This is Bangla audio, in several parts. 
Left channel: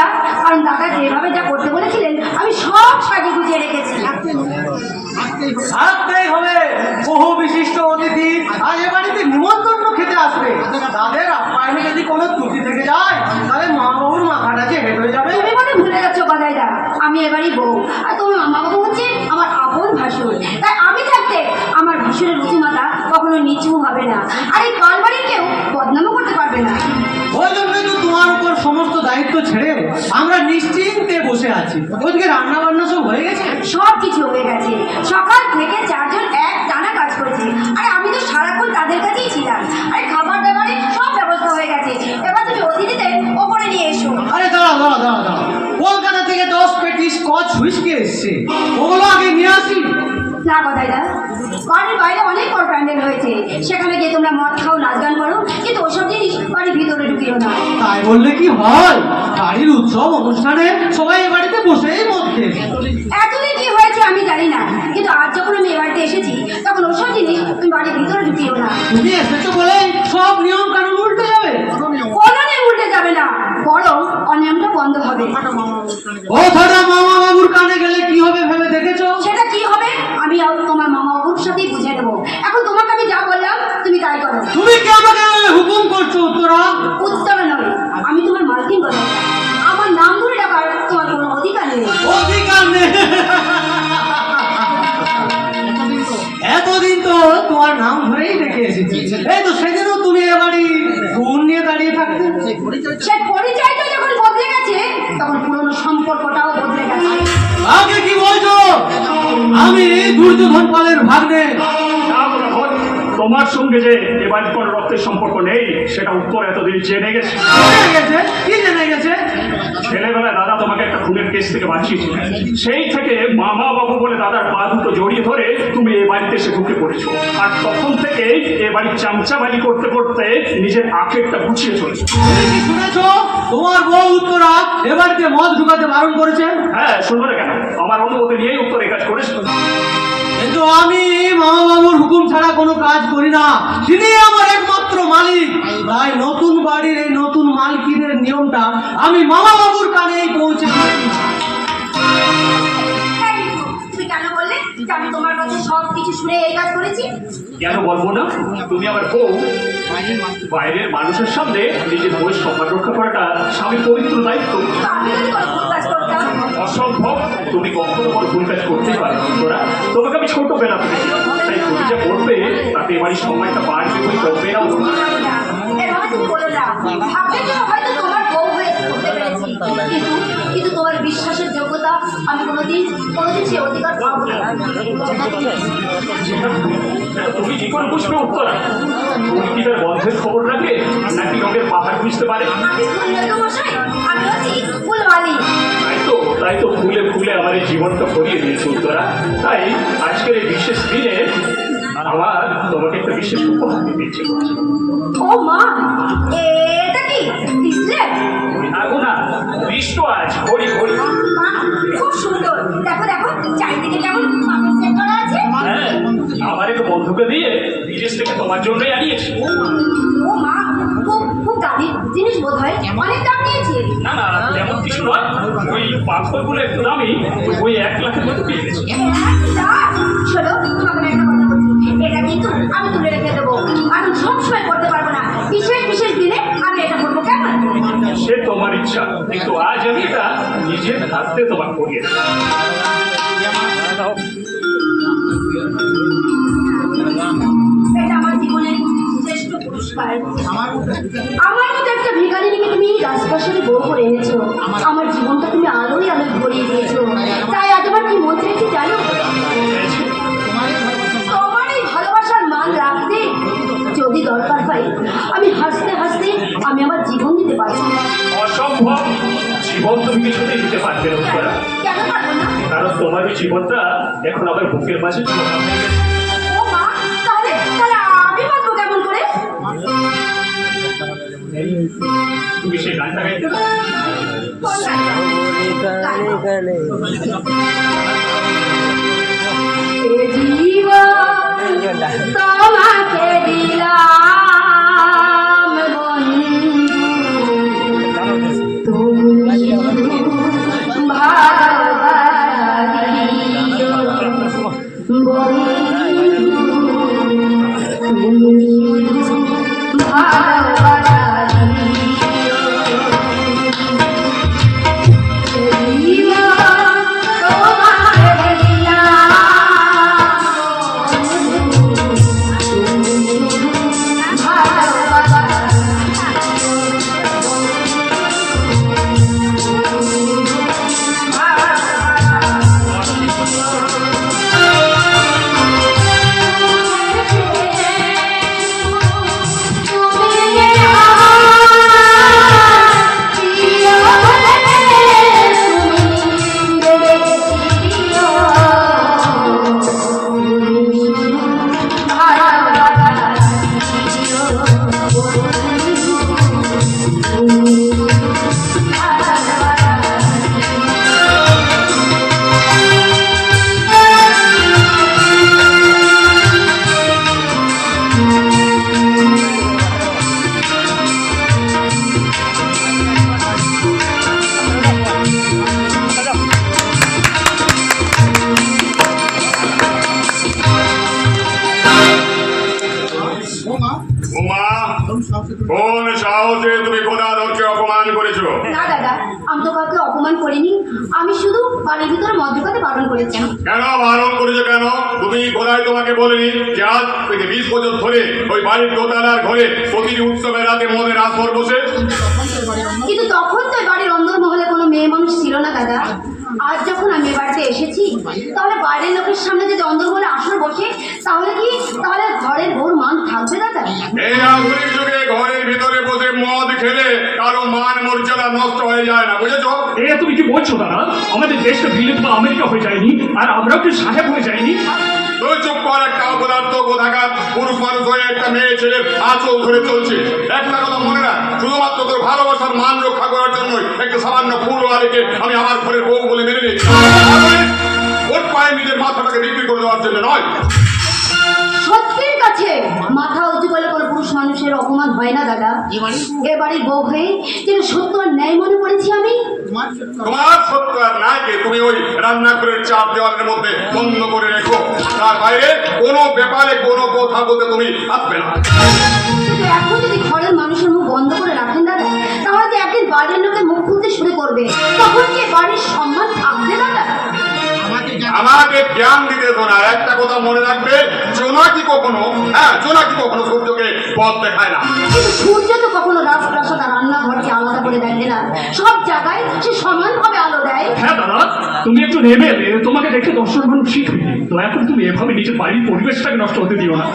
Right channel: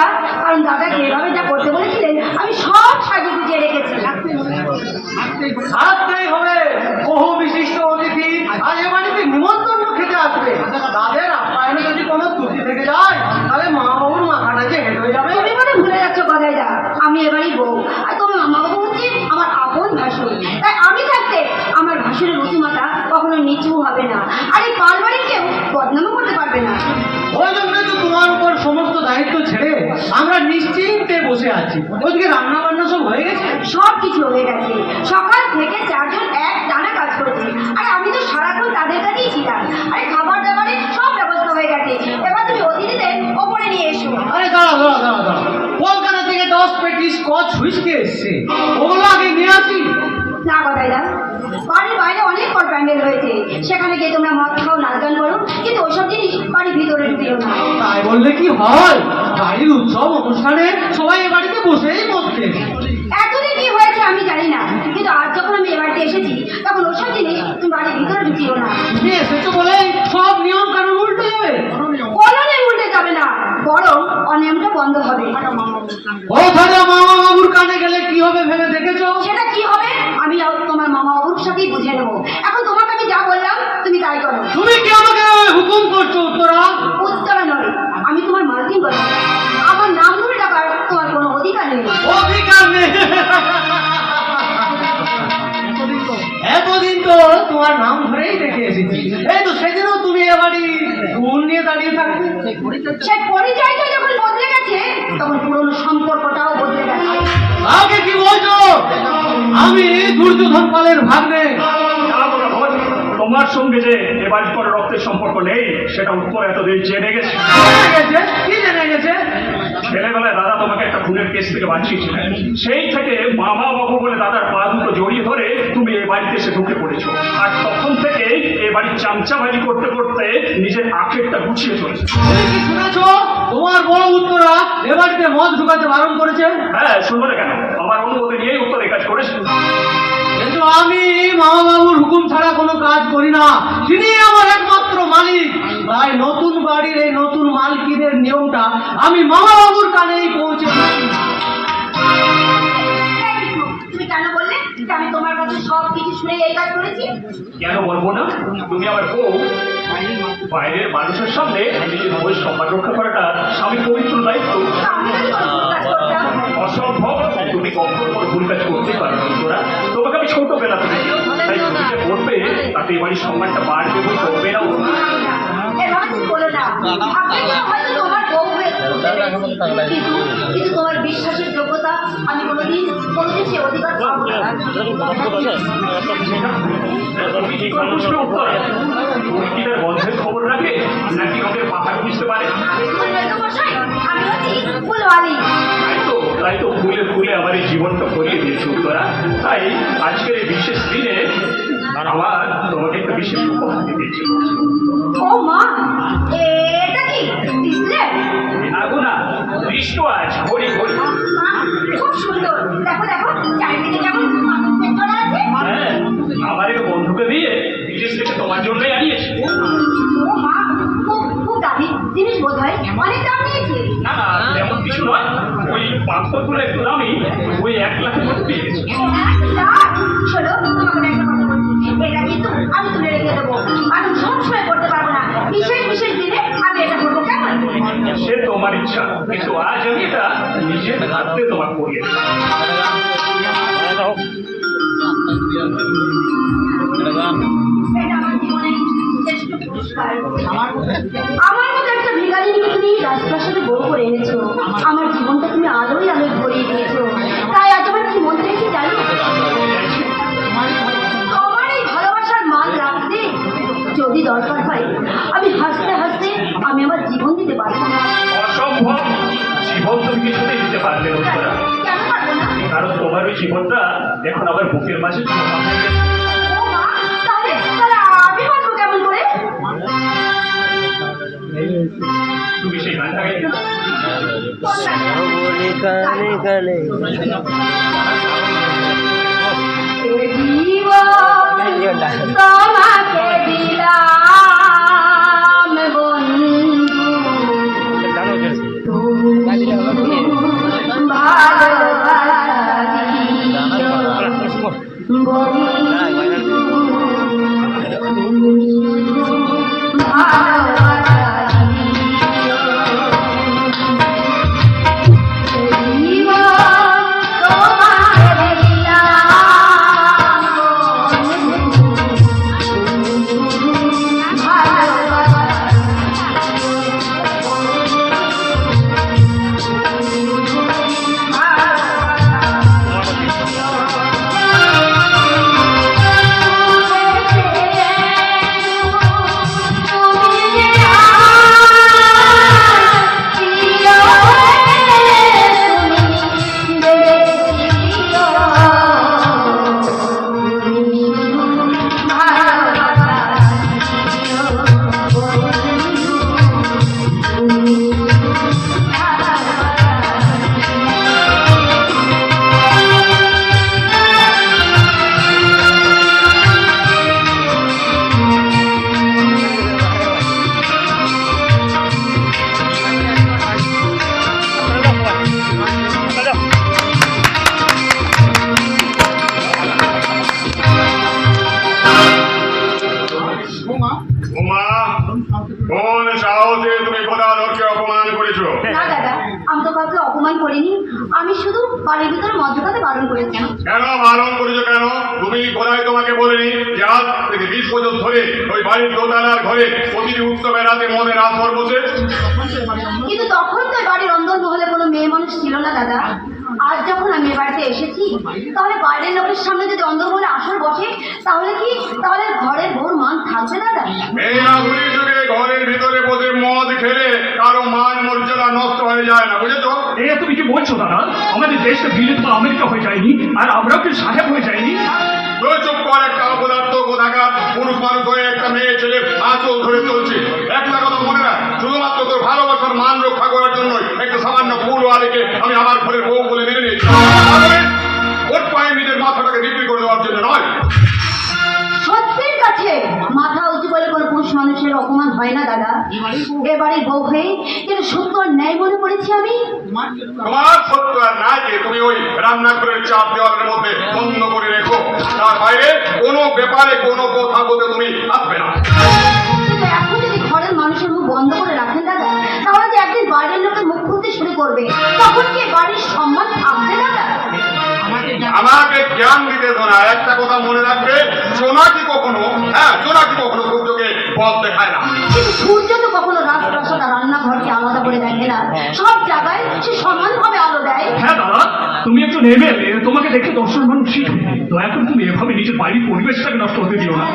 দাদা, কারণ দাদা যেভাবে যা করতে বলেছিলেন আমি সব সাজিয়ে গুছিয়ে রেখেছি। থাকতেই হবে, বহু বিশিষ্ট অতিথি আজ এ বাড়িতে নিমন্ত্রণ খেতে আসবে। তাদের আপ্যায়নে যদি কোনো ত্রুটি থেকে যায় তাহলে মা বাবুর মাথাটা যে হেঁটে হয়ে যাবে। তুমি মানে ভুলে যাচ্ছ কথাটা, আমি এবারই বউ আর তোমার মামা বাবু হচ্ছে আমার আপন ভাসুর। তাই আমি থাকতে আমার ভাসুরের রুচিমাতা কখনো নিচু হবে না, আর এই পালবাড়ির কেউ বদনামও করতে পারবে না। ওই জন্য তো তোমার উপর সমস্ত দায়িত্ব ছেড়ে আমরা নিশ্চিন্তে বসে আছি। ওইদিকে রান্না বান্না সব হয়ে গেছে? সব কিছু হয়ে গেছে, সকাল থেকে চারজন এক টানা কাজ করেছে, আর আমি তো সারাক্ষণ তাদের কাছেই ছিলাম। আরে খাবার দাবারের সব ব্যবস্থা হয়ে গেছে, এবার তুমি অতিথিদের ওপরে নিয়ে এসো। আরে দাঁড়া, কলকাতা থেকে 10 পেটি স্কচ হুইস্কি এসছে, ওগুলো আগে নিয়ে আসি। না কথাই না, বাড়ির বাইরে অনেক বড় প্যান্ডেল হয়েছে, সেখানে গিয়ে তোমরা মদ খাও, নাচ গান করো, কিন্তু ওসব জিনিস বাড়ির ভিতরে ঢুকিও না। তাই বললে কি হয়? বাড়ির উৎসব অনুষ্ঠানে সবাই এ বাড়িতে বসেই মদ খেয়েছে। এতদিন কি হয়েছে আমি জানি না, কিন্তু আজ যখন আমি এ বাড়িতে এসেছি তখন ওসব জিনিস তুমি বাড়ির ভিতরে ঢুকিও না। তুমি এসেছো বলে সব নিয়ম কানুন উল্টে যাবে? কোনো নিয়ম উল্টে যাবে না, বরং অনিয়মটা বন্ধ হবে। ও দাদা, মামা বাবুর কানে গেলে কি হবে ভেবে দেখেছো? সেটা কি হবে আমি তোমার মামা বাবুর সাথেই বুঝে নেবো। এখন তোমাকে আমি যা বললাম তুমি তাই করো। তুমি কি আমাকে হুকুম করছো উত্তরা? উত্তরা নয়, আমি তোমার মালকিন বলো, আমার নাম ধরে ডাকার তোমার কোনো অধিকার নেই। অধিকার নেই? এতদিন তো তোমার নাম ধরেই দেখে এসেছি। এই তো সেদিনও তুমি এ বাড়ি গুণ নিয়ে দাঁড়িয়ে থাকতে। সেই পরিচয়টা যখন বদলে গেছে তখন পুরনো সম্পর্কটাও বদলে গেছে। আগে কি বলছো? আমি দুর্যোধন পালের ভাগ্নে। তোমার সঙ্গে যে এবার কোনো রক্তের সম্পর্ক নেই সেটা উত্তর এতদিন জেনে গেছে। কি জেনে গেছে? ছেলেবেলায় দাদা তোমাকে একটা খুনের কেস থেকে বাঁচিয়েছিল, সেই থেকে মামা বাবু বলে দাদার পা দুটো জড়িয়ে ধরে তুমি এই বাড়িতে এসে ঢুকে পড়েছো, আর তখন থেকে এই বাড়ির চামচাবাজি করতে করতে নিজের আখেরটা গুছিয়ে চলেছো। তুমি কি শুনেছো তোমার বউ উত্তরা এ বাড়িতে মদ ঢুকাতে বারণ করেছে? হ্যাঁ, শুনবো না কেন, আমার অনুমতি নিয়েই উত্তর এই কাজ করেছে। কিন্তু আমি মামা বাবুর হুকুম ছাড়া কোনো কাজ করি না, তিনি আমার একমাত্র মালিক। তাই নতুন বাড়ির এই নতুন মালকিনের নিয়মটা আমি মামা বাবুর কানেই পৌঁছে দিচ্ছি। তুমি কেন বললে যে আমি তোমার কাছে সব কিছু শুনে এই কাজ করেছি? কেন বলবো না? তুমি আমার বউ, বাইরের মানুষের সামনে নিজের বউয়ের সম্মান রক্ষা করাটা স্বামীর পবিত্র দায়িত্ব। আমি যদি কোনো ভুল কাজ করতাম? অসম্ভব, তুমি কখনো কোনো ভুল কাজ করতেই পারো না তোরা। তোমাকে আমি ছোট বেলা থেকে, তাই তুমি যে করবে তাতে এই বাড়ির সম্মানটা বাড়বে বই করবে না। এভাবে তুমি বলো না, আপনি হয়তো তোমার বউ হয়ে করতে পেরেছি, কিন্তু তোমার বিশ্বাসের যোগ্যতা আমি কোনোদিন সে অধিকার পাবো না। তুমি কি করে বুঝবে উত্তরা? তুমি কি তার বন্ধের খবর রাখে নাকি রঙের পাহাড় বুঝতে পারে? আমি ফুলবাড়ি মশাই, আমি হচ্ছি ফুলবাড়ি। তাই তো ফুলে ফুলে আমার এই জীবনটা ভরিয়ে দিয়েছে উত্তরা। তাই আজকের এই বিশেষ দিনে আমার তোমাকে একটা বিশেষ উপহার দিয়েছি। ও মা, এটা কি ডিসপ্লে? আগো না, দৃষ্ট আজ হরি হরি। মা, খুব সুন্দর, দেখো দেখো চারিদিকে কেমন পাখি সেট করা আছে। হ্যাঁ, আমার এক বন্ধুকে দিয়ে বিদেশ থেকে তোমার জন্যই আনিয়েছি। ও মা, খুব খুব দামি জিনিস বোধ হয়, অনেক দাম নিয়েছে। না না, তেমন কিছু নয়, ওই পাথরগুলো একটু দামি, ওই 1 লাখের মতো পেয়ে গেছি। শোনো, তোমাকে আমি একটা কথা বলছি, এটা কিন্তু আমি তুলে রেখে দেবো, আমি সবসময় করতে পারবো না, বিশেষ বিশেষ দিনে আমি এটা করবো, কেমন? সে তোমার ইচ্ছা, কিন্তু আজ আমি এটা নিজের হাতে তোমার করিয়ে দেবো। এটা আমার জীবনের শ্রেষ্ঠ পুরস্কার। আমার মতো একটা ভিখারিনীকে তুমি রাজপ্রাসাদে বউ করে এনেছো, আমার জীবনটা তুমি আলোয় আলোয় ভরিয়ে দিয়েছো। তাই আজ আমার কি মন চাইছে জানো? তোমার এই ভালোবাসার মান রাখতে যদি দরকার হয় আমি হাসতে হাসতে আমি আমার জীবন দিতে পারছি না। অসম্ভব, জীবন তুমি কিছুতেই দিতে পারবে না উত্তরা। কেন পারবো না? কারণ তোমার এই জীবনটা এখন আমার বুকের মাঝে ও মা, তাহলে তাহলে আমি বাঁচবো কেমন করে? তুমি সেই গানটা গাইতে পারো? কোন গানটা? এ জীবন তোমাকে দিলাম বন্ধু, তুমি কোন সাহসে তুমি গদাধরকে অপমান করেছো? না দাদা, আমি তো কাউকে অপমান করিনি, আমি শুধু বাড়ির ভিতরে মদ ঢোকাতে বারণ করেছি। কেন বারণ করেছো কেন? তুমি গোদায় তোমাকে বলিনি যে আজ থেকে 20 বছর ধরে ওই বাড়ির দোতলার ঘরে প্রতিটি উৎসবের রাতে মদের আসর বসে? কিন্তু তখন তো বাড়ির অন্দর মহলে কোনো মেয়ে মানুষ ছিল না দাদা। আজ যখন আমি এ বাড়িতে এসেছি, তাহলে বাইরের লোকের সামনে যদি অন্দরমহলে আসর বসে, তাহলে ঘরের বউর মান থাকবে দাদা? এই আধুনিক যুগে ঘরের ভিতরে বসে মদ খেলে কারো মান মর্যাদা নষ্ট হয়ে যায় না, বুঝেছো? এই তুমি কি বলছো দাদা? আমাদের দেশটা বিলেত বা আমেরিকা হয়ে যায়নি, আর আমরাও কি সাহেব হয়ে যায়নি? তুই চুপ কর, একটা অপদার্থ কোথাকার পুরুষ মানুষ হয়ে একটা মেয়ে ছেলে আঁচল ধরে চলছে। একটা কথা মনে রাখ, শুধুমাত্র তোর ভালোবাসার মান রক্ষা করার জন্য একটা সামান্য ফুল আলেকে আমি আমার ঘরের বউ বলে মেনে নিই। ওর পায়ে নিজের মাথাটাকে বিক্রি করে দেওয়ার জন্য নয়। সত্যের কাছে মাথা উঁচু করে কোনো পুরুষ মানুষের অপমান হয় না দাদা। এ বাড়ির বউ হয়ে যেটা সত্য আর ন্যায় মনে করেছি আমি। তোমার সত্য আর নাকে তুমি ওই রান্নাঘরের চার দেওয়ালের মধ্যে বন্ধ করে রেখো, তার বাইরে কোনো ব্যাপারে কোনো কথা বলতে তুমি আসবে না। কিন্তু এখন যদি ঘরের মানুষের মুখ বন্ধ করে রাখেন দাদা, তাহলে যে একদিন বাড়ির লোকে মুখ খুলতে শুরু করবে, তখন কি বাড়ির সম্মান থাকবে দাদা? আমাকে জ্ঞান দিতে না, একটা কথা মনে রাখবে, জোনাকি কখনো সূর্যকে পথ দেখায় না। কিন্তু সূর্য তো কখনো রাজপ্রাসাদ আর রান্নাঘরকে আলাদা করে দেখে না, সব জায়গায় সে সমানভাবে আলো দেয়। হ্যাঁ দাদা, তুমি একজন এমএলএ, তোমাকে দেখে দর্শন মানুষ শিখবে। দয়া করে তুমি এভাবে নিজের বাড়ির পরিবেশটাকে নষ্ট হতে দিও না।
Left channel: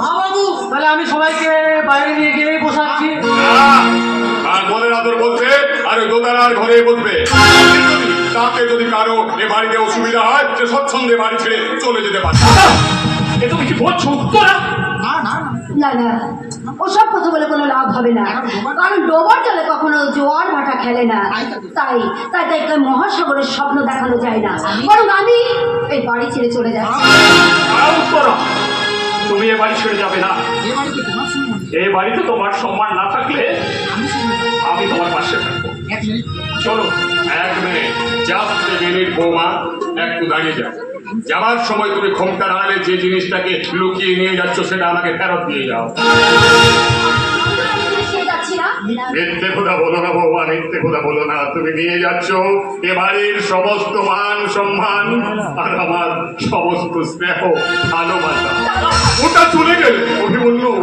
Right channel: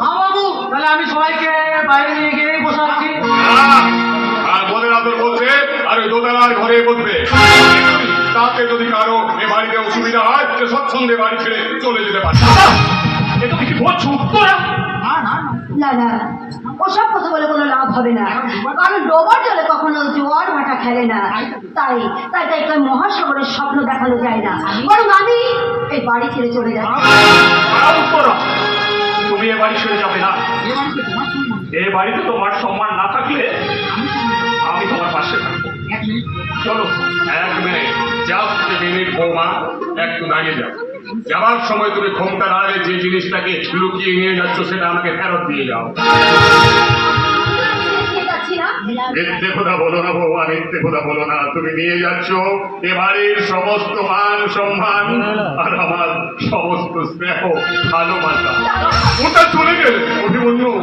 মা বাবু, তাহলে আমি সবাইকে বাইরে নিয়ে গিয়ে বসাচ্ছি। আর মনের আদর বলছে আর ওই দোতলার ঘরে বসবে। তাতে যদি কারো এ বাড়িতে অসুবিধা হয়, সে স্বচ্ছন্দে বাড়ি ছেড়ে চলে যেতে পারে। এ তুমি কি বলছো? তোরা না না, ওসব কথা বলে কোনো লাভ হবে না, কারণ ডোবার জলে কখনো জোয়ার ভাটা খেলে না। তাই তাই তাই তাই মহাসাগরের স্বপ্ন দেখানো যায় না, বরং আমি এই বাড়ি ছেড়ে চলে যাচ্ছি। তুমি এ বাড়ি ছেড়ে যাবে না। এই বাড়িতে তোমার সম্মান না থাকলে আমি তোমার পাশে থাকবো। চলো 1 মিনিট, জাস্ট 1 মিনিট বৌমা, একটু দাঁড়িয়ে যাও। যাবার সময় তুমি ক্ষমতার আড়ালে যে জিনিসটাকে লুকিয়ে নিয়ে যাচ্ছ সেটা আমাকে ফেরত দিয়ে যাও। ছেড়ে যাচ্ছি না। মিথ্যে কথা বলো না বৌমা, মিথ্যে কথা বলো না। তুমি নিয়ে যাচ্ছ এ বাড়ির সমস্ত মান সম্মান আর আমার সমস্ত স্নেহ ভালোবাসা। ওটা চলে গেলে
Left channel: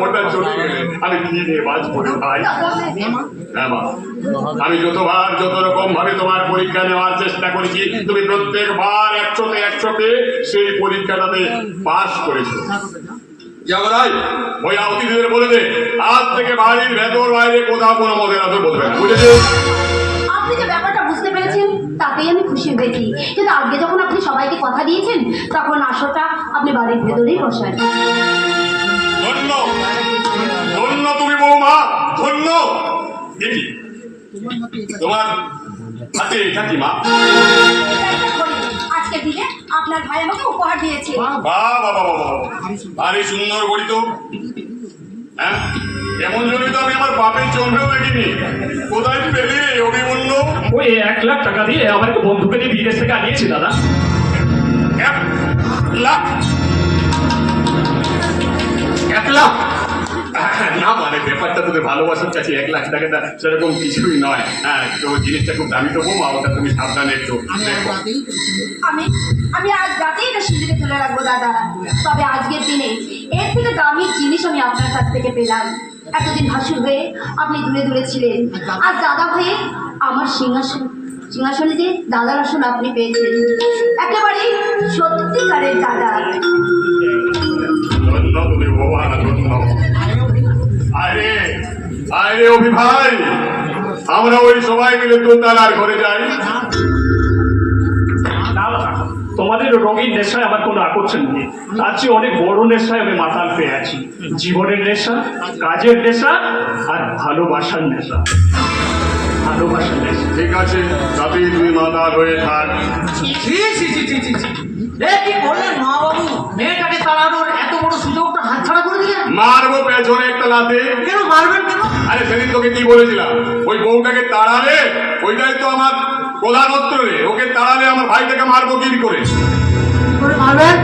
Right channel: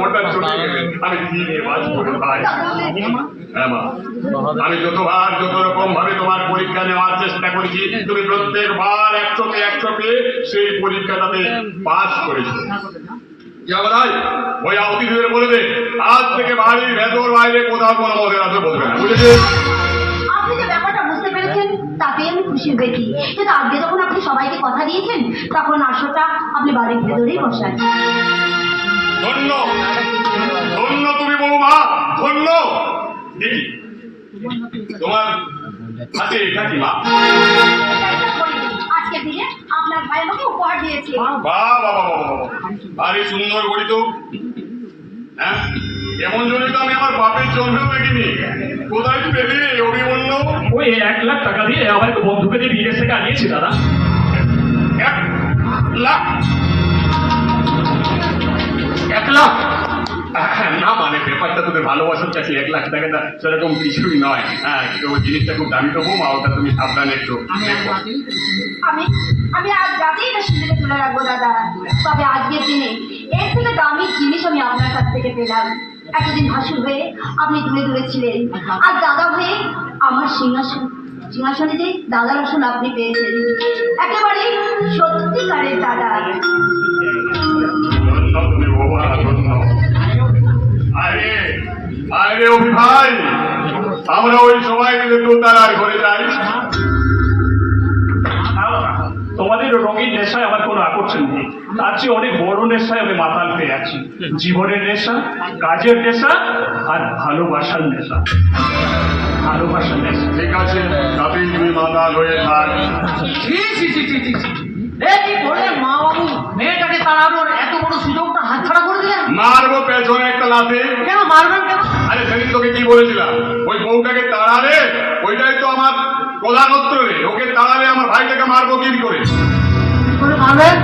ওটা চলে গেলে আমি কি নিয়ে বাঁচবো রে ভাই? হ্যাঁ মা, আমি যতবার যত রকম ভাবে তোমার পরীক্ষা নেওয়ার চেষ্টা করেছি, তুমি প্রত্যেকবার 100-তে সেই পরীক্ষাটাতে পাস করেছো। ভাই ওই অতিথিদের বলে দে, আজ থেকে বাড়ির ভেতর বাইরে কোথাও কোনো মদের আসর বলবে না, বুঝেছে? আপনি যে ব্যাপারটা বুঝতে পেরেছেন তাতেই আমি খুশি হয়েছি, কিন্তু আজকে যখন আপনি সবাইকে কথা দিয়েছেন, তখন আসরটা আপনি বাড়ির ভেতরেই বসান। ধন্য ধন্য তুমি বৌমা, ধন্য। দেখি তোমার হাতে এটা কি মা? আজকের দিনে আপনার ভাই আমাকে উপহার দিয়েছে। বাহ বাহ বাহ বাহ, আরে সুন্দর গড়ি তো। হ্যাঁ, এমন জন্য তো আমি আমার বাপের জন্মেও দেখিনি। কোথায় পেলি অভিমন্য? ওই 1 লাখ টাকা দিয়ে আমার বন্ধুকে দিয়ে বিদেশ থেকে আনিয়েছি দাদা। 1 লাখ? 1 লাখ? না মানে ব্যাপারটা তোদের ভালোবাসার কাছে 1 লাখ টাকাটা সেরকম কিছুই নয়। হ্যাঁ, তো ওই জিনিসটা খুব দামি তো বৌমা, ওটা তুমি সাবধানে একটু দেখো। আমি আজ রাতেই এটা সিঁদুরে তুলে রাখবো দাদা। তবে আজকের দিনে এর থেকে দামি জিনিস আমি আপনার কাছ থেকে পেলাম। এতদিন ভাসুর হয়ে আপনি দূরে দূরে ছিলেন, আজ দাদা হয়ে আমার সিংহাসনে যে দাদার আসন আপনি পেয়েছেন, একেবারে সত্যিকারের দাদা। ধন্য তুমি বৌমা, ধন্য। আরে অভি ভাই, আমরা ওই সবাই মিলে দোতলার ঘরে যাই। তোমাদের রঙিন নেশায় আমার কোনো আকর্ষণ নেই, তার চেয়ে অনেক বড় নেশায় আমি মাতাল পেয়ে আছি। জীবনের নেশা, কাজের নেশা আর ভালোবাসার নেশা। ভালোবাসার নেশা। ঠিক আছে, তবেই তুমি মাতাল হয়ে থাক। কি বললেন মা বাবু? মেয়েটাকে তাড়ানোর এত বড় সুযোগটা হাতছাড়া করে দিলেন। মারবো পেছনে একটা লাথি। কেন মারবেন কেন? আরে সেদিন তোকে কি বলেছিলাম, ওই বউটাকে তাড়ালে ওইটাই তো আমার প্রধান অস্ত্র রে। ওকে তাড়ালে আমার ভাইটাকে মারবো কি করে? করে মারবেন?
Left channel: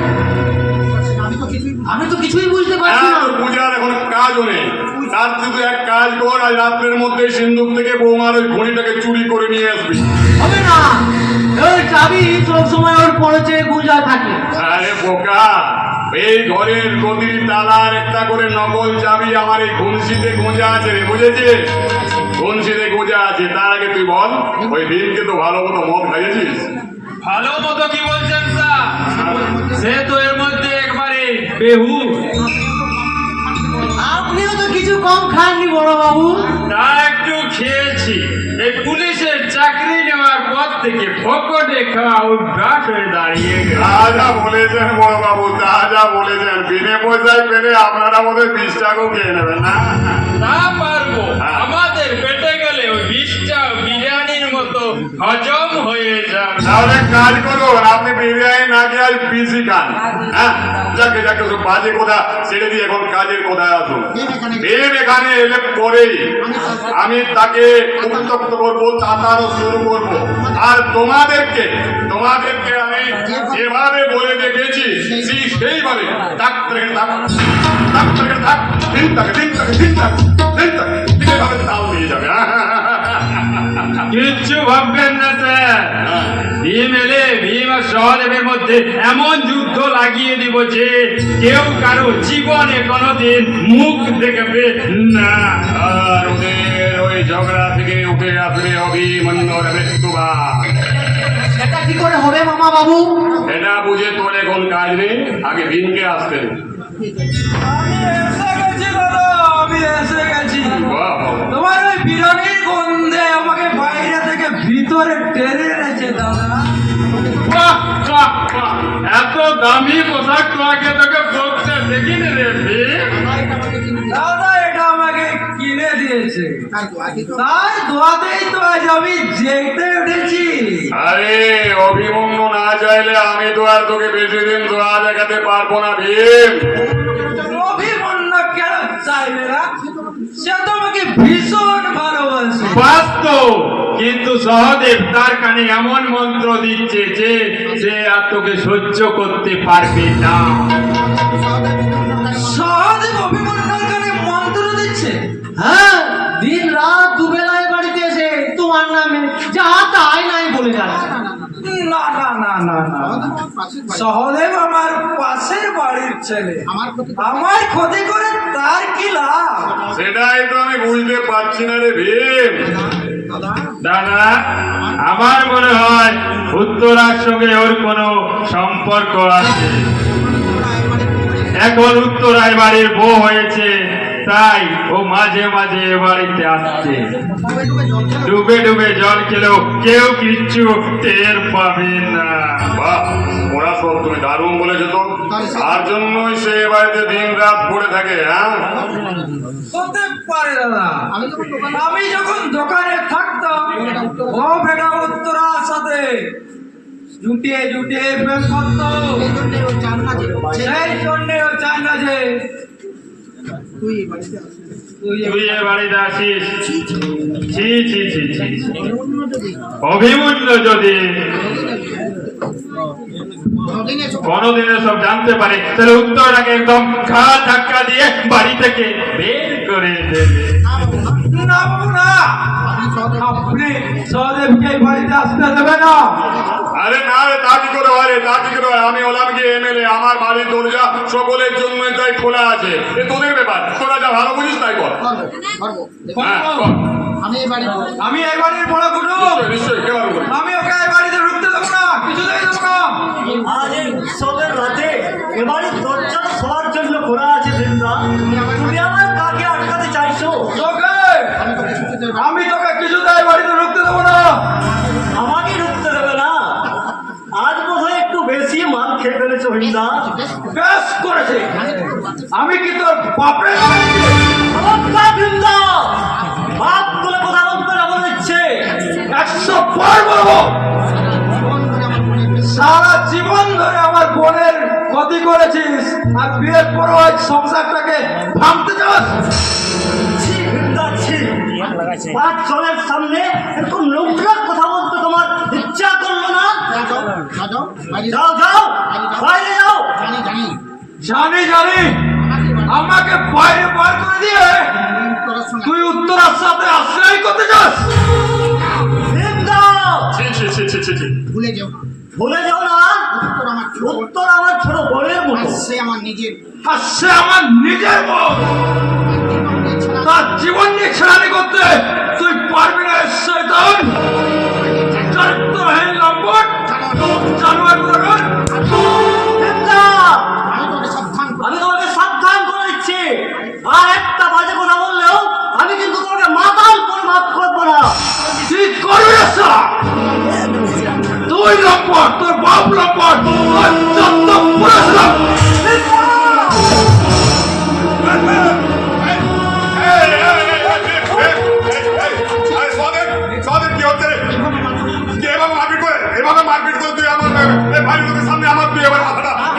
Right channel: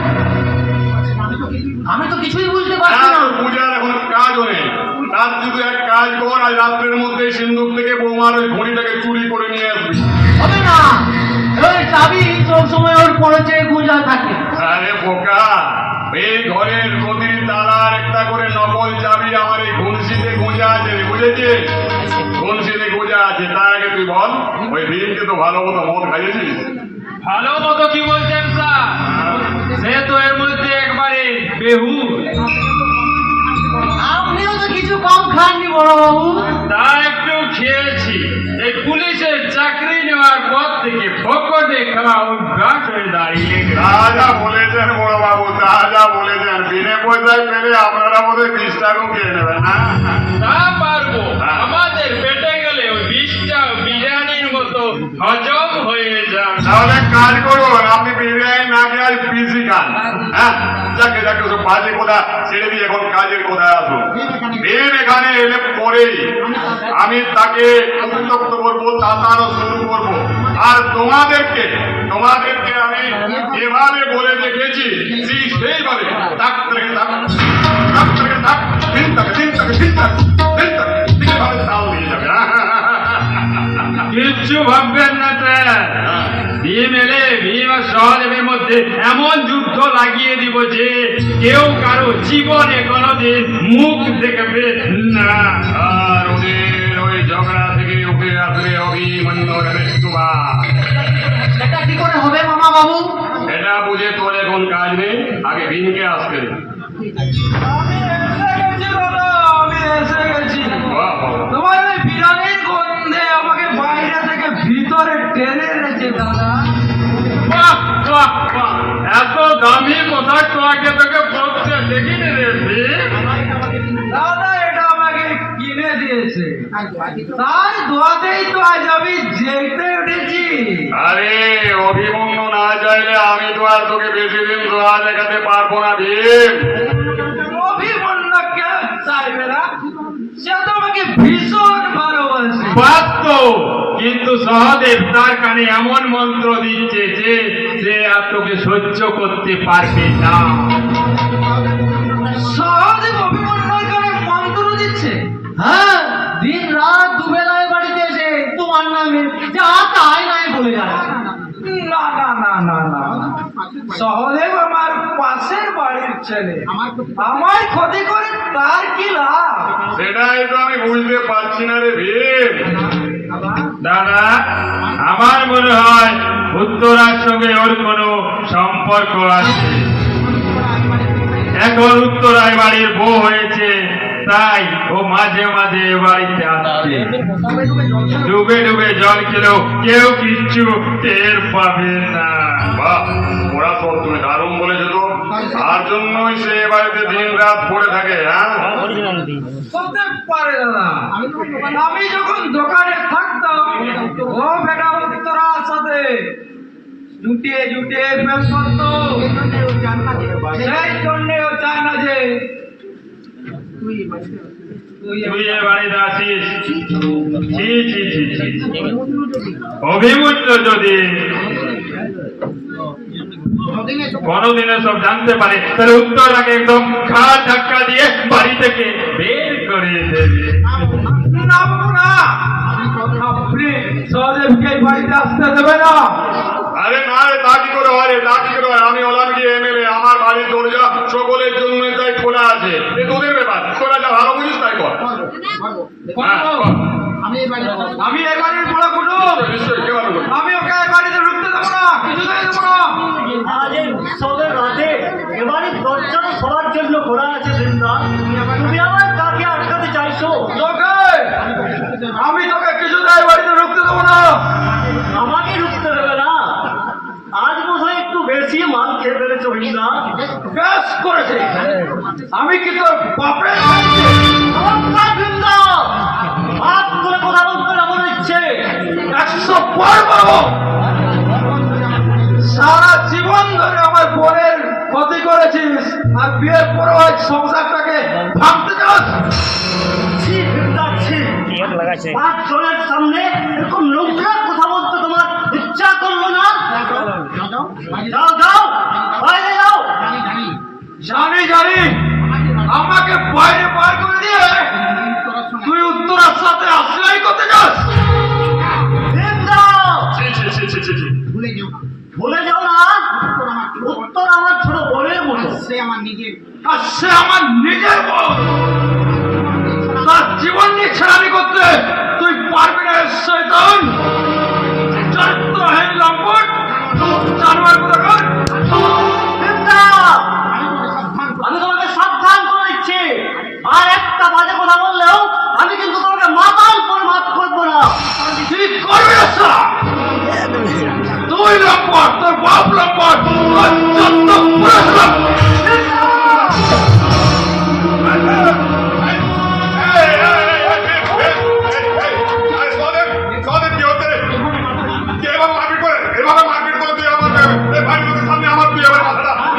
আমি তো কিছুই বুঝতে পারছি না। পূজার এখন কাজও নেই। রাত্রি তুই এক কাজ কর, আজ রাত্রের মধ্যে সিন্ধুক থেকে বৌমার ওই ঘড়িটাকে চুরি করে নিয়ে আসবি। হবে না, ওই চাবি সবসময় ওর পড়েছে গোঁজা থাকে। আরে বোকা, এই ঘরের প্রতিটি তালার একটা করে নকল চাবি আমার এই ঘুনসিতে গোঁজা আছে রে, বুঝেছিস? ঘুনসিতে গোঁজা আছে। তার আগে তুই বল, ওই দিনকে তো ভালো মতো মদ খাইয়েছিস? ভালো মতো কি বলছেন স্যার? সে তো এর মধ্যে একবারে বেহুশ। আপনিও তো কিছু কম খাননি বড় বাবু। তার একটু খেয়েছি। এই পুলিশের চাকরি নেওয়ার পর থেকে পকেটে খাওয়া অভ্যাস হয়ে দাঁড়িয়ে গেছে। যা বলেছেন বড় বাবু, যা বলেছেন, বিনে পয়সায় পেলে আপনারা বোধহয় 20 টাকাও খেয়ে নেবেন না? তা পারবো, আমাদের পেটে গেলে ওই 20টা বিরিয়ানির মতো হজম হয়ে যাবে। তাহলে এক কাজ করুন, আপনি বিরিয়ানি না খেয়ে আজ পিসি খান। হ্যাঁ, যাকে ওসব বাজে কথা ছেড়ে দিয়ে এখন কাজের কথা আসুন। মেন এখানে এলে পরেই আমি তাকে উত্তপ্ত করবো, তাতারও শুরু করবো। আর তোমাদেরকে আমি যেভাবে বলে দেখেছি সেইভাবে ডাক্তারকে এইভাবে তাও নিয়ে যাবে। কিচ্ছু ভাববেন না স্যার, ভীম এলে ভীম আর সহদেবের মধ্যে এমন যুদ্ধ লাগিয়ে দিব যে কেউ কারো জীবনে কোনোদিন মুখ দেখবে না। আর ওদের ওই ঝগড়া থেকে উঠে আসবে অভিমন্যুর মৃত্যুবাদ। সেটা কি করে হবে মামা বাবু? এটা বুঝে তোর এখন কাজ নেই, আগে ভীমকে আসতে দে। আমি এসে গেছি দাদা, আমি এসে গেছি। বাহ, বাহ। তোমার ওই বিরিয়ানির গন্ধে আমাকে বাইরে থেকে ভিতরে টেনে এনেছে দাদা। বাহ, বাহ, বাহ। এত দামি পোশাক তো আগে তোকে পরতে দেখিনি রে ভীম। দাদা এটা আমাকে কিনে দিয়েছে, তার দোয়াতেই তো আজ আমি জেগে উঠেছি। আরে অভিমন্যু না চাইলে আমি তো আর তোকে বেশি দিন দোয়া দেখাতে পারবো না ভীম। অভিমন্য কেন চাইবে না? সে তো আমাকে ভীষণ ভালোবাসে। বাস্তব, কিন্তু সহদেব তার কানে এমন মন্ত্র দিচ্ছে যে সে আর তোকে সহ্য করতে পারবে না। সহজে অভিমন্যুর কানে মন্ত্র দিচ্ছে। হ্যাঁ, দিন রাত দুবেলায় বাড়িতে এসে তোমার নামে যা তাই নাই বলে যাচ্ছে। না না না না না, সহদেব আমার পাশের বাড়ির ছেলে, আমার ক্ষতি করে তার কি লাভ? সেটাই তো আমি বুঝতে পারছি না রে ভীম। দাদা, আমার মনে হয় উত্তরার সঙ্গে ওর কোনো সম্পর্ক আছে। এখন উত্তরায় বাড়ির বউ হয়েছে, তাই ও মাঝে মাঝে এ বাড়িতে আসছে। ডুবে ডুবে জল খেলেও কেউ কিচ্ছু টের পাবে না। বাহ, ওরা সব তুমি দারুণ বলেছো তো। তার জন্যই সে এ বাড়িতে দিন রাত পড়ে থাকে। হ্যাঁ, হতে পারে দাদা, আমি যখন দোকানে থাকতাম ও বেটা উত্তরার সাথে জুটিয়ে জুটিয়ে প্রেম করতো, সেই জন্যে ও চায় না যে তুই এ বাড়িতে আসিস। ছি ছি ছি ছি। অভিমন্যু যদি কোনদিনে সব জানতে পারে তাহলে উত্তরাকে একদম ঘাড় ধাক্কা দিয়ে বাড়ি থেকে বের করে দেবে। না বাবু না, আপনি সহদেবকে এই বাড়িতে আসতে দেবে না। আরে না রে, তা কি করে হয় রে, তা কি করে হয়? আমি হলাম কি এমএলএ, আমার বাড়ির দরজা সকলের জন্য তাই খোলা আছে। এ তোদের ব্যাপার, তোরা যা ভালো বুঝিস তাই কর। হ্যাঁ, কর। আমি এই বাড়ির বড় কুটুম, নিশ্চয়ই কে পারবে? আমি ওকে এই বাড়িতে ঢুকতে দেবো না, কিছুতেই দেবো না। আজ এই উৎসবের রাতে এবারে দরজা তো সবার জন্য খোলা আছে বৃন্দা, তুমি আমার কাকে আটকাতে চাইছো? তোকে আমি তোকে কিছুতেই এই বাড়িতে ঢুকতে দেবো না। আমাকে ঢুকতে দেবে না? আজ বোধহয় একটু বেশি মাল খেয়ে ফেলেছো বৃন্দা। বেশ করেছে, আমি কি তোর বাপের নমস্কার বৃন্দা, বাপ করে কথা বলতে না বলে দিচ্ছে। 100 পর বলবো। সারা জীবন ধরে আমার বোনের ক্ষতি করেছিস, আর বিয়ের পরও আজ সংসারটাকে ভাঙতে চাস। ছি বৃন্দা, ছি। 5 জনের সামনে এরকম নোংরা কথা বলতে তোমার ইচ্ছা করলো না? যাও যাও, বাইরে যাও। জানি জানি, আমাকে বাইরে বার করে দিয়ে তুই উত্তরার সাথে আশ্রয় করতে যাস? ভীমদা, ছি, ছি, ছি, ছি, ছি, ছি। ভুলে যেও না ভুলে যাও না, উত্তর আমার ছোট, উত্তর আমার ছোট বোনের মতো। আর সে আমার নিজের। আর সে আমার নিজের বোন। তার জীবন নিয়ে ছেড়ানি করতে তুই পারবি না শয়তান। চরিত্রহীন লম্পট, জানোয়ার কোথাকার। ভীমদা, আমি তোকে সাবধান করছি। আমি তোমাকে সাবধান করে দিচ্ছি, আর একটা বাজে কথা বললেও আমি কিন্তু তোমাকে মাতাল করে মাফ করবো না। কি করবি না শালা? তুই লম্পট, তোর বাপ লম্পট, তোর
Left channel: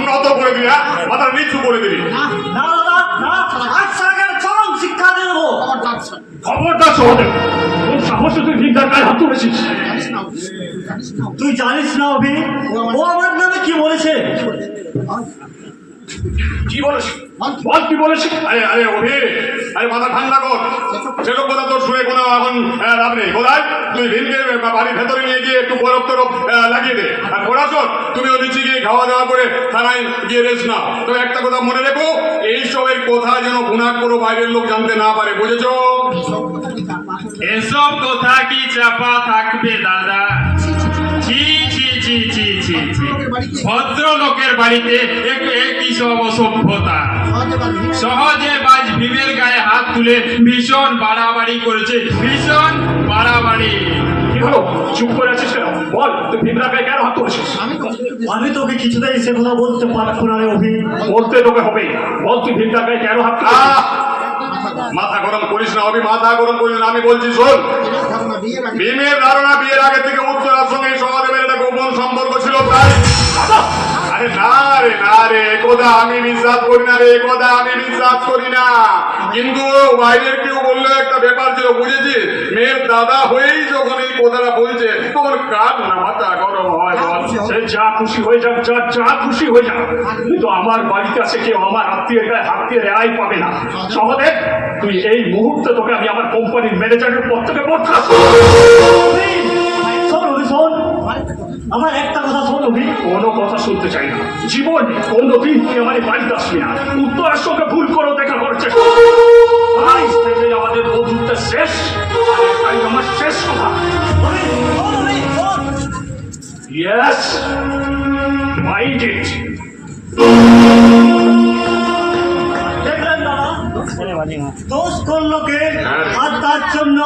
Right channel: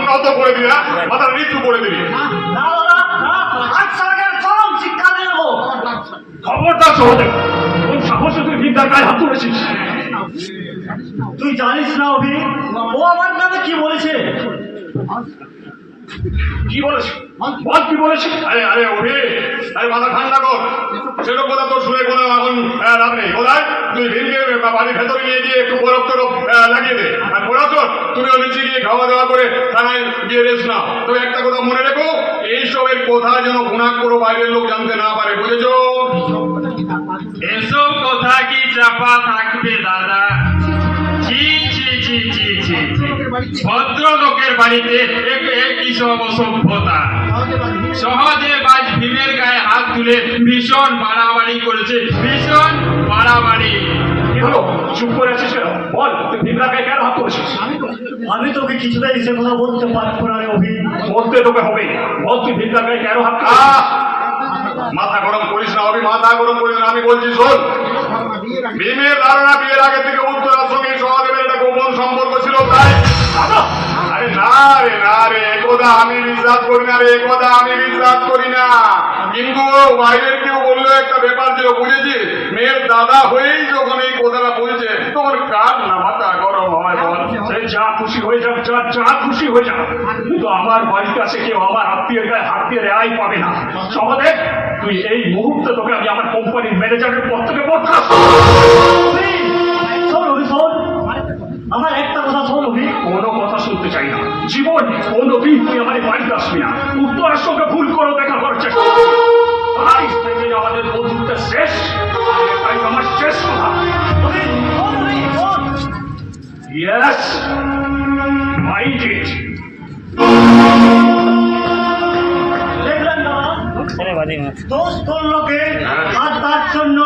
যত পুরুষ মাথা নিচু করে দিবি। না দাদা, না, আজ সারাকে চরম শিক্ষা দিয়ে দেবো। খবরদার সহদেব, কোন সাহসে তুই ভিক্ষার গায়ে হাত তুলেছিস? তুই জানিস না অভি, ও আমার নামে কি বলেছে? কি বলেছে? বল কি বলেছে? আরে আরে অভি, আরে মাথা ঠান্ডা কর। সেসব কথা তোর শুনে কোনো এখন লাভ নেই। কোথায় তুই ভীমকে বাড়ির ভেতরে নিয়ে গিয়ে একটু বরফ টরফ লাগিয়ে দে। আর পড়াশোন তুমিও নিচে গিয়ে খাওয়া দাওয়া করে থানায় গিয়ে রেস্ট নাও। তো একটা কথা মনে রেখো, এইসবের কথা যেন গুণাক করে বাইরের লোক জানতে না পারে, বুঝেছো? এসব কথা কি চাপা থাকবে দাদা? ছি ছি ছি ছি ছি ছি। ভদ্রলোকের বাড়িতে কি সব অসভ্যতা। সহজে বাজ ভীমের গায়ে হাত তুলে ভীষণ বাড়াবাড়ি করেছে, ভীষণ বাড়াবাড়ি। কি হলো? চুপ করে আছিস কেন? বল, তুই ভিক্ষার গায়ে কেন হাত তুলেছিস? আমি তোকে কিছুতেই সে কথা বলতে পারবো না রে অভি। বলতে তোকে হবে। বল, তুই ভিক্ষার গায়ে কেন হাত তুলেছিস? মাথা গরম করিস না অভি, মাথা গরম করিস না। আমি বলছি শোন, ভীমের ধারণা বিয়ের আগে থেকে উত্তরার সঙ্গে সহদেবের একটা গোপন সম্পর্ক ছিল, তাই? আরে না রে না রে, একথা আমি বিশ্বাস করি না রে, একথা আমি বিশ্বাস করি না। কিন্তু বাইরের কেউ বললো একটা ব্যাপার ছিল, বুঝেছিস? মেয়ের দাদা হয়েই যখন এই কথাটা বলছে, তোর কার না মাথা গরম হয় বল? সে যা খুশি হয়ে যাক, যা খুশি হয়ে যাক, কিন্তু আমার বাড়িতে আছে কেউ আমার আত্মীয়ের গায়ে হাত দিয়ে রেহাই পাবে না। সহদেব, তুই এই মুহূর্তে তোকে আমি আমার কোম্পানির ম্যানেজারের পদ থেকে বরখাস্ত। অভি, শোন অভি, শোন, আমার একটা কথা শোন অভি। কোনো কথা শুনতে চাই না। জীবনে কোনোদিন তুই আমার এই বাড়িতে আসবি না। উত্তরের সঙ্গে ভুল করে দেখা করার চেষ্টা করবি। আজ থেকে আমাদের বন্ধুত্ব শেষ। এটাই আমার শেষ কথা। অভি, শোন অভি, শোন। Yes, mind it. দেখলেন দাদা, দোষ করলো কে, আর তার জন্য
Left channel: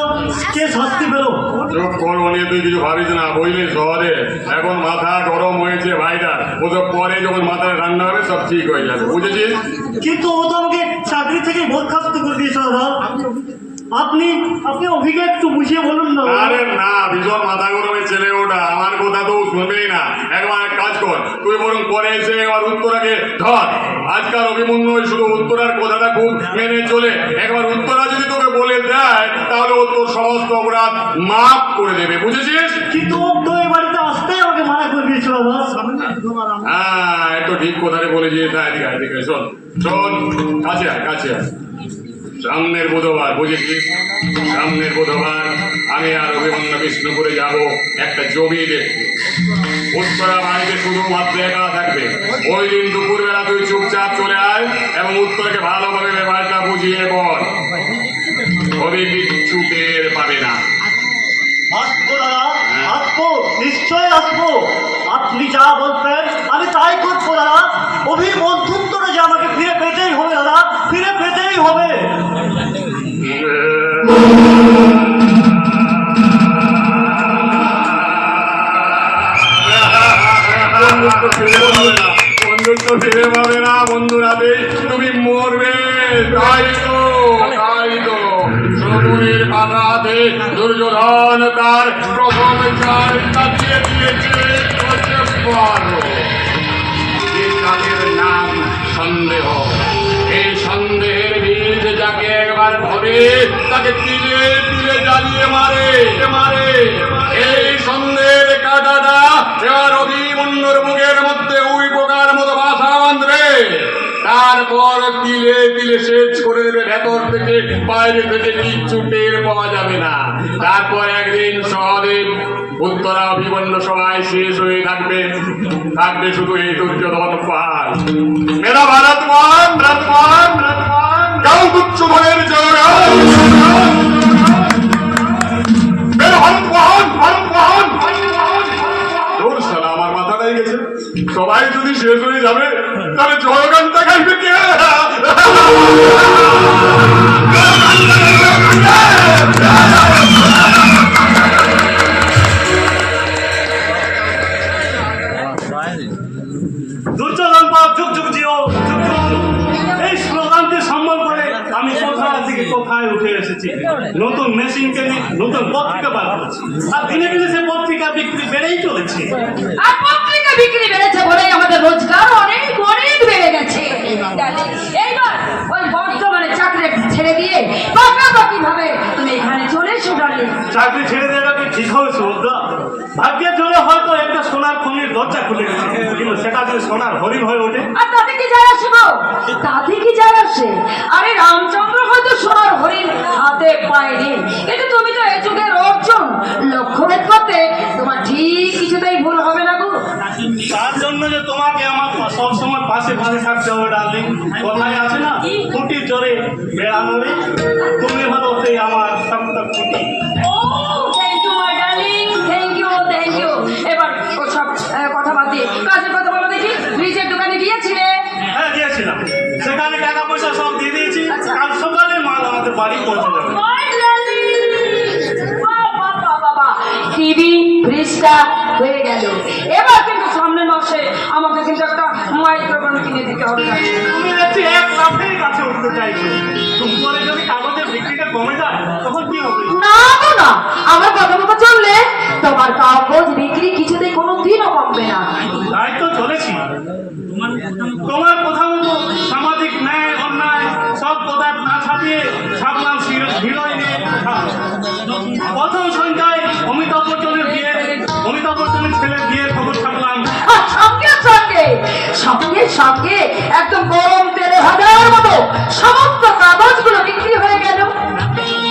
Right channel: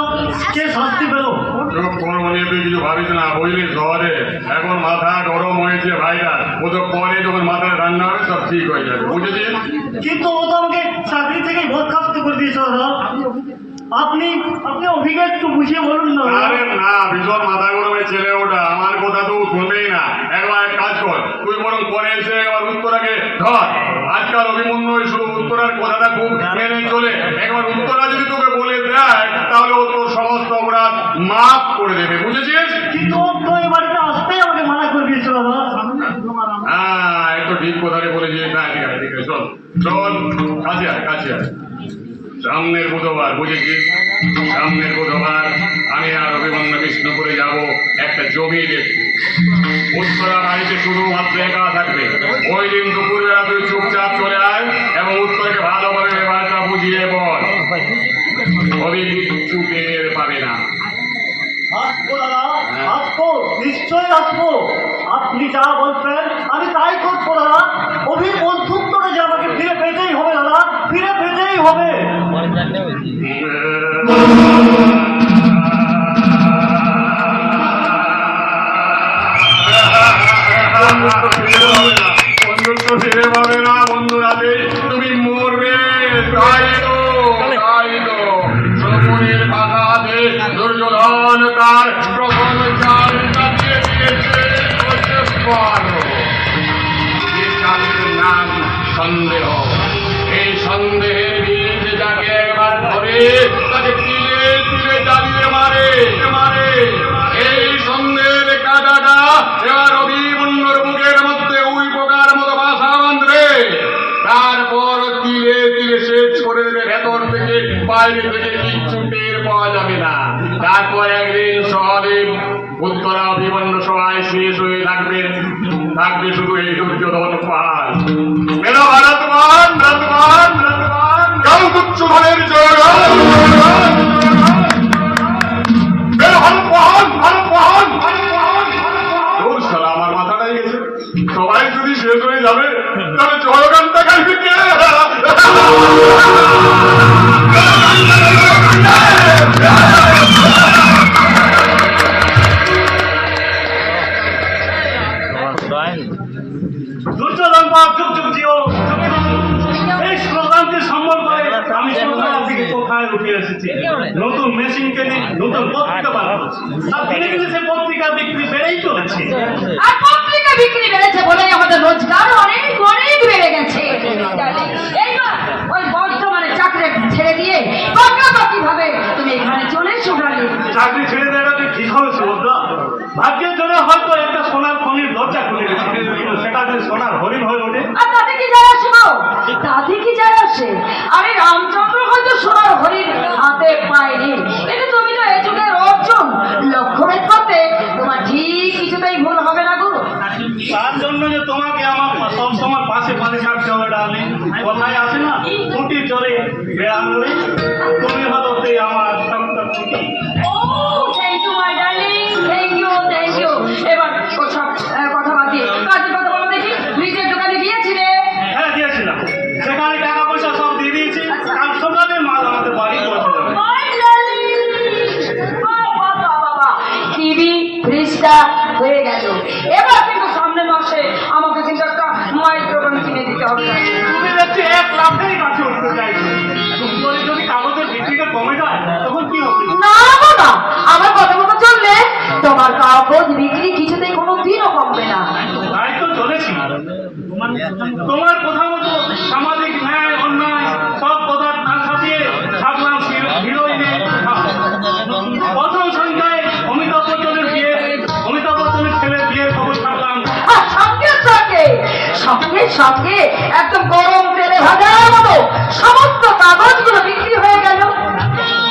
কে শাস্তি পেল? চোখ করবো নিয়ে তুই কিছু ভাবিস না, বুঝলি? শহরে এখন মাথা গরম হয়েছে ভাইটা, ওসব পরে যখন মাথা ঠান্ডা হবে সব ঠিক হয়ে যাবে, বুঝেছিস? কিন্তু ও তো আমাকে চাকরি থেকে বরখাস্ত করে দিয়েছে দাদা। আপনি আপনি অভিকে একটু বুঝিয়ে বলুন না দাদা। আরে না, ভীষণ মাথা গরমের ছেলে ওটা, আমার কথা তো শুনবেই না। একবার এক কাজ কর, তুই বরং পরে এসে এবার উত্তরাকে ধর। আজকাল অভিমন্যু শুধু উত্তরার কথাটা খুব মেনে চলে। একবার উত্তরা যদি তোকে বলে দেয়, তাহলে ও তোর সমস্ত অপরাধ মাফ করে দেবে, বুঝেছিস? কিন্তু ও তো এই বাড়িতে আসতেই আমাকে মানা করে দিয়েছিল দাদা। হ্যাঁ, একটু ঠিক কথাটা বলেছিস। না ঠিক আছে, ঠিক আছে, শোন শোন, কাছে আয়, কাছে আয়। সামনের বুধবার, বুঝেছিস? সামনের বুধবার আমি আর অভিমন্যু কৃষ্ণপুরে যাব একটা জমি দেখতে। উত্তরা বাড়িতে শুধু মাত্র একা থাকবে। ওই দিন দুপুরবেলা তুই চুপচাপ চলে আয় এবং উত্তরাকে ভালোভাবে ব্যাপারটা বুঝিয়ে বল। অভি কিচ্ছু টের পাবে না। আসবো দাদা, আসবো, নিশ্চয়ই আসবো। আপনি যা বলবেন আমি তাই করবো দাদা। অভি বন্ধুত্বটা যে আমাকে ফিরে পেতেই হবে দাদা, ফিরে পেতেই হবে। বন্ধুত্ব ফিরে পাবে না, বন্ধু রাতে তুমি মরবে। তাই তো শকুনির পাতাতে দুর্যোধন তার প্রথম চাল কাটিয়ে দিয়েছে। এই চালের নাম সন্দেহ। এই সন্দেহের বীজ যাকে একবার ধরে তাকে তিলে তিলে জ্বালিয়ে মারে। এই সন্দেহের কাঁটাটা এবার অভিমন্যুর মুখের মধ্যে উই পোকার মতো বাসা বাঁধবে। তারপর তিলে তিলে বাইরে থেকে কিচ্ছু টের পাওয়া যাবে না। তারপর একদিন শহরে উত্তরা বিবন্ন সভায় শেষ হয়ে থাকবে শুধু এই দুর্যোধন পাল। মেরা ভারতমান ভারতমান ভারতমান গাও তুচ্ছ ভাবের জয়গান। মেরা ভারতমান ভারতমান ভারতমান। তোর সারা আমার মাথাটাই গেছে। সবাই যদি শেষ হয়ে যাবে তাহলে জয়গান দেখাইবে কে? দুর্যোধন বাপ যুগ যুগ জিও, যুগ যুগ জিও। এই স্লোগানকে সম্মান করে আমি কোথাও থেকে কোথায় উঠে এসেছি। নতুন মেশিন কিনে নতুন পত্রিকা বার করছি, আর দিনে দিনে সেই পত্রিকা বিক্রি বেড়েই চলেছে। আর পত্রিকা বিক্রি বেড়েছে বলে আমাদের রোজগার অনেক অনেক বেড়ে গেছে। এইবার ওই বর্তমানে চাকরি ছেড়ে দিয়ে পাকাপাকি ভাবে তুমি এখানে চলে এসো ডার্লিং। চাকরি ছেড়ে দেওয়াটা ঠিক হবে সুভদ্রা। ভাগ্যের জন্য হয়তো একটা সোনার খনির দরজা খুলে গেছে, কিন্তু সেটা যদি সোনার হরিণ হয়ে ওঠে। আর তাতে কি যায় আসে গো? তাতে কি যায় আসে? আরে রামচন্দ্র হয়তো সোনার হরিণ হাতে পায়নি, কিন্তু তুমি তো এই যুগের অর্জুন, লক্ষ্যভেদ করতে তোমার ঠিক কিছুতেই ভুল হবে না গো। তার জন্য যে তোমাকে আমার সবসময় পাশে পাশে থাকতে হবে ডার্লিং। কথায় আছে না, খুঁটি চড়ে বেড়ানো, তুমি হলো সেই আমার সন্তান খুঁটি। ও thank you my darling, thank you thank you. এবার ওসব কথা বাদ দিয়ে কাজের কথা বলো দেখি। ফ্রিজের দোকানে গিয়েছিলে? হ্যাঁ দিয়েছিলাম, সেখানে টাকা পয়সা সব দিয়ে দিয়েছি। কাল সকালে মাল আমাদের বাড়ি পৌঁছে যাবে। মাই ডার্লিং, বাবা বাবা, টিভি ফ্রিজটা হয়ে গেল। এবার কিন্তু সামনে মাসে আমাকে কিন্তু একটা মাইক্রোফোন কিনে দিতে হবে। তুমি দেখছি এক লাখের কাছে উঠতে চাইছো। তুমি করে যদি কাগজের বিক্রিটা কমে যায় তখন কি হবে? না বাবা, আমার কথা মতো চললে তোমার কাগজ বিক্রি কিছুতেই কোনো দিনও কমবে না। তাই তো চলেছি। তোমার কথা মতো সামাজিক ন্যায় অন্যায় সব কথা না ছাপিয়ে ছাপলাম বিনয় নিয়ে কথা। প্রথম সন্ধ্যায় অমিতাভ বচ্চনের বিয়ে, অমিতাভ বচ্চনের ছেলের বিয়ের খবর ছাপলাম। সঙ্গে সঙ্গে সঙ্গে সঙ্গে একদম গরম তেলে ভাজার মতো সমস্ত কাগজগুলো বিক্রি হয়ে গেল।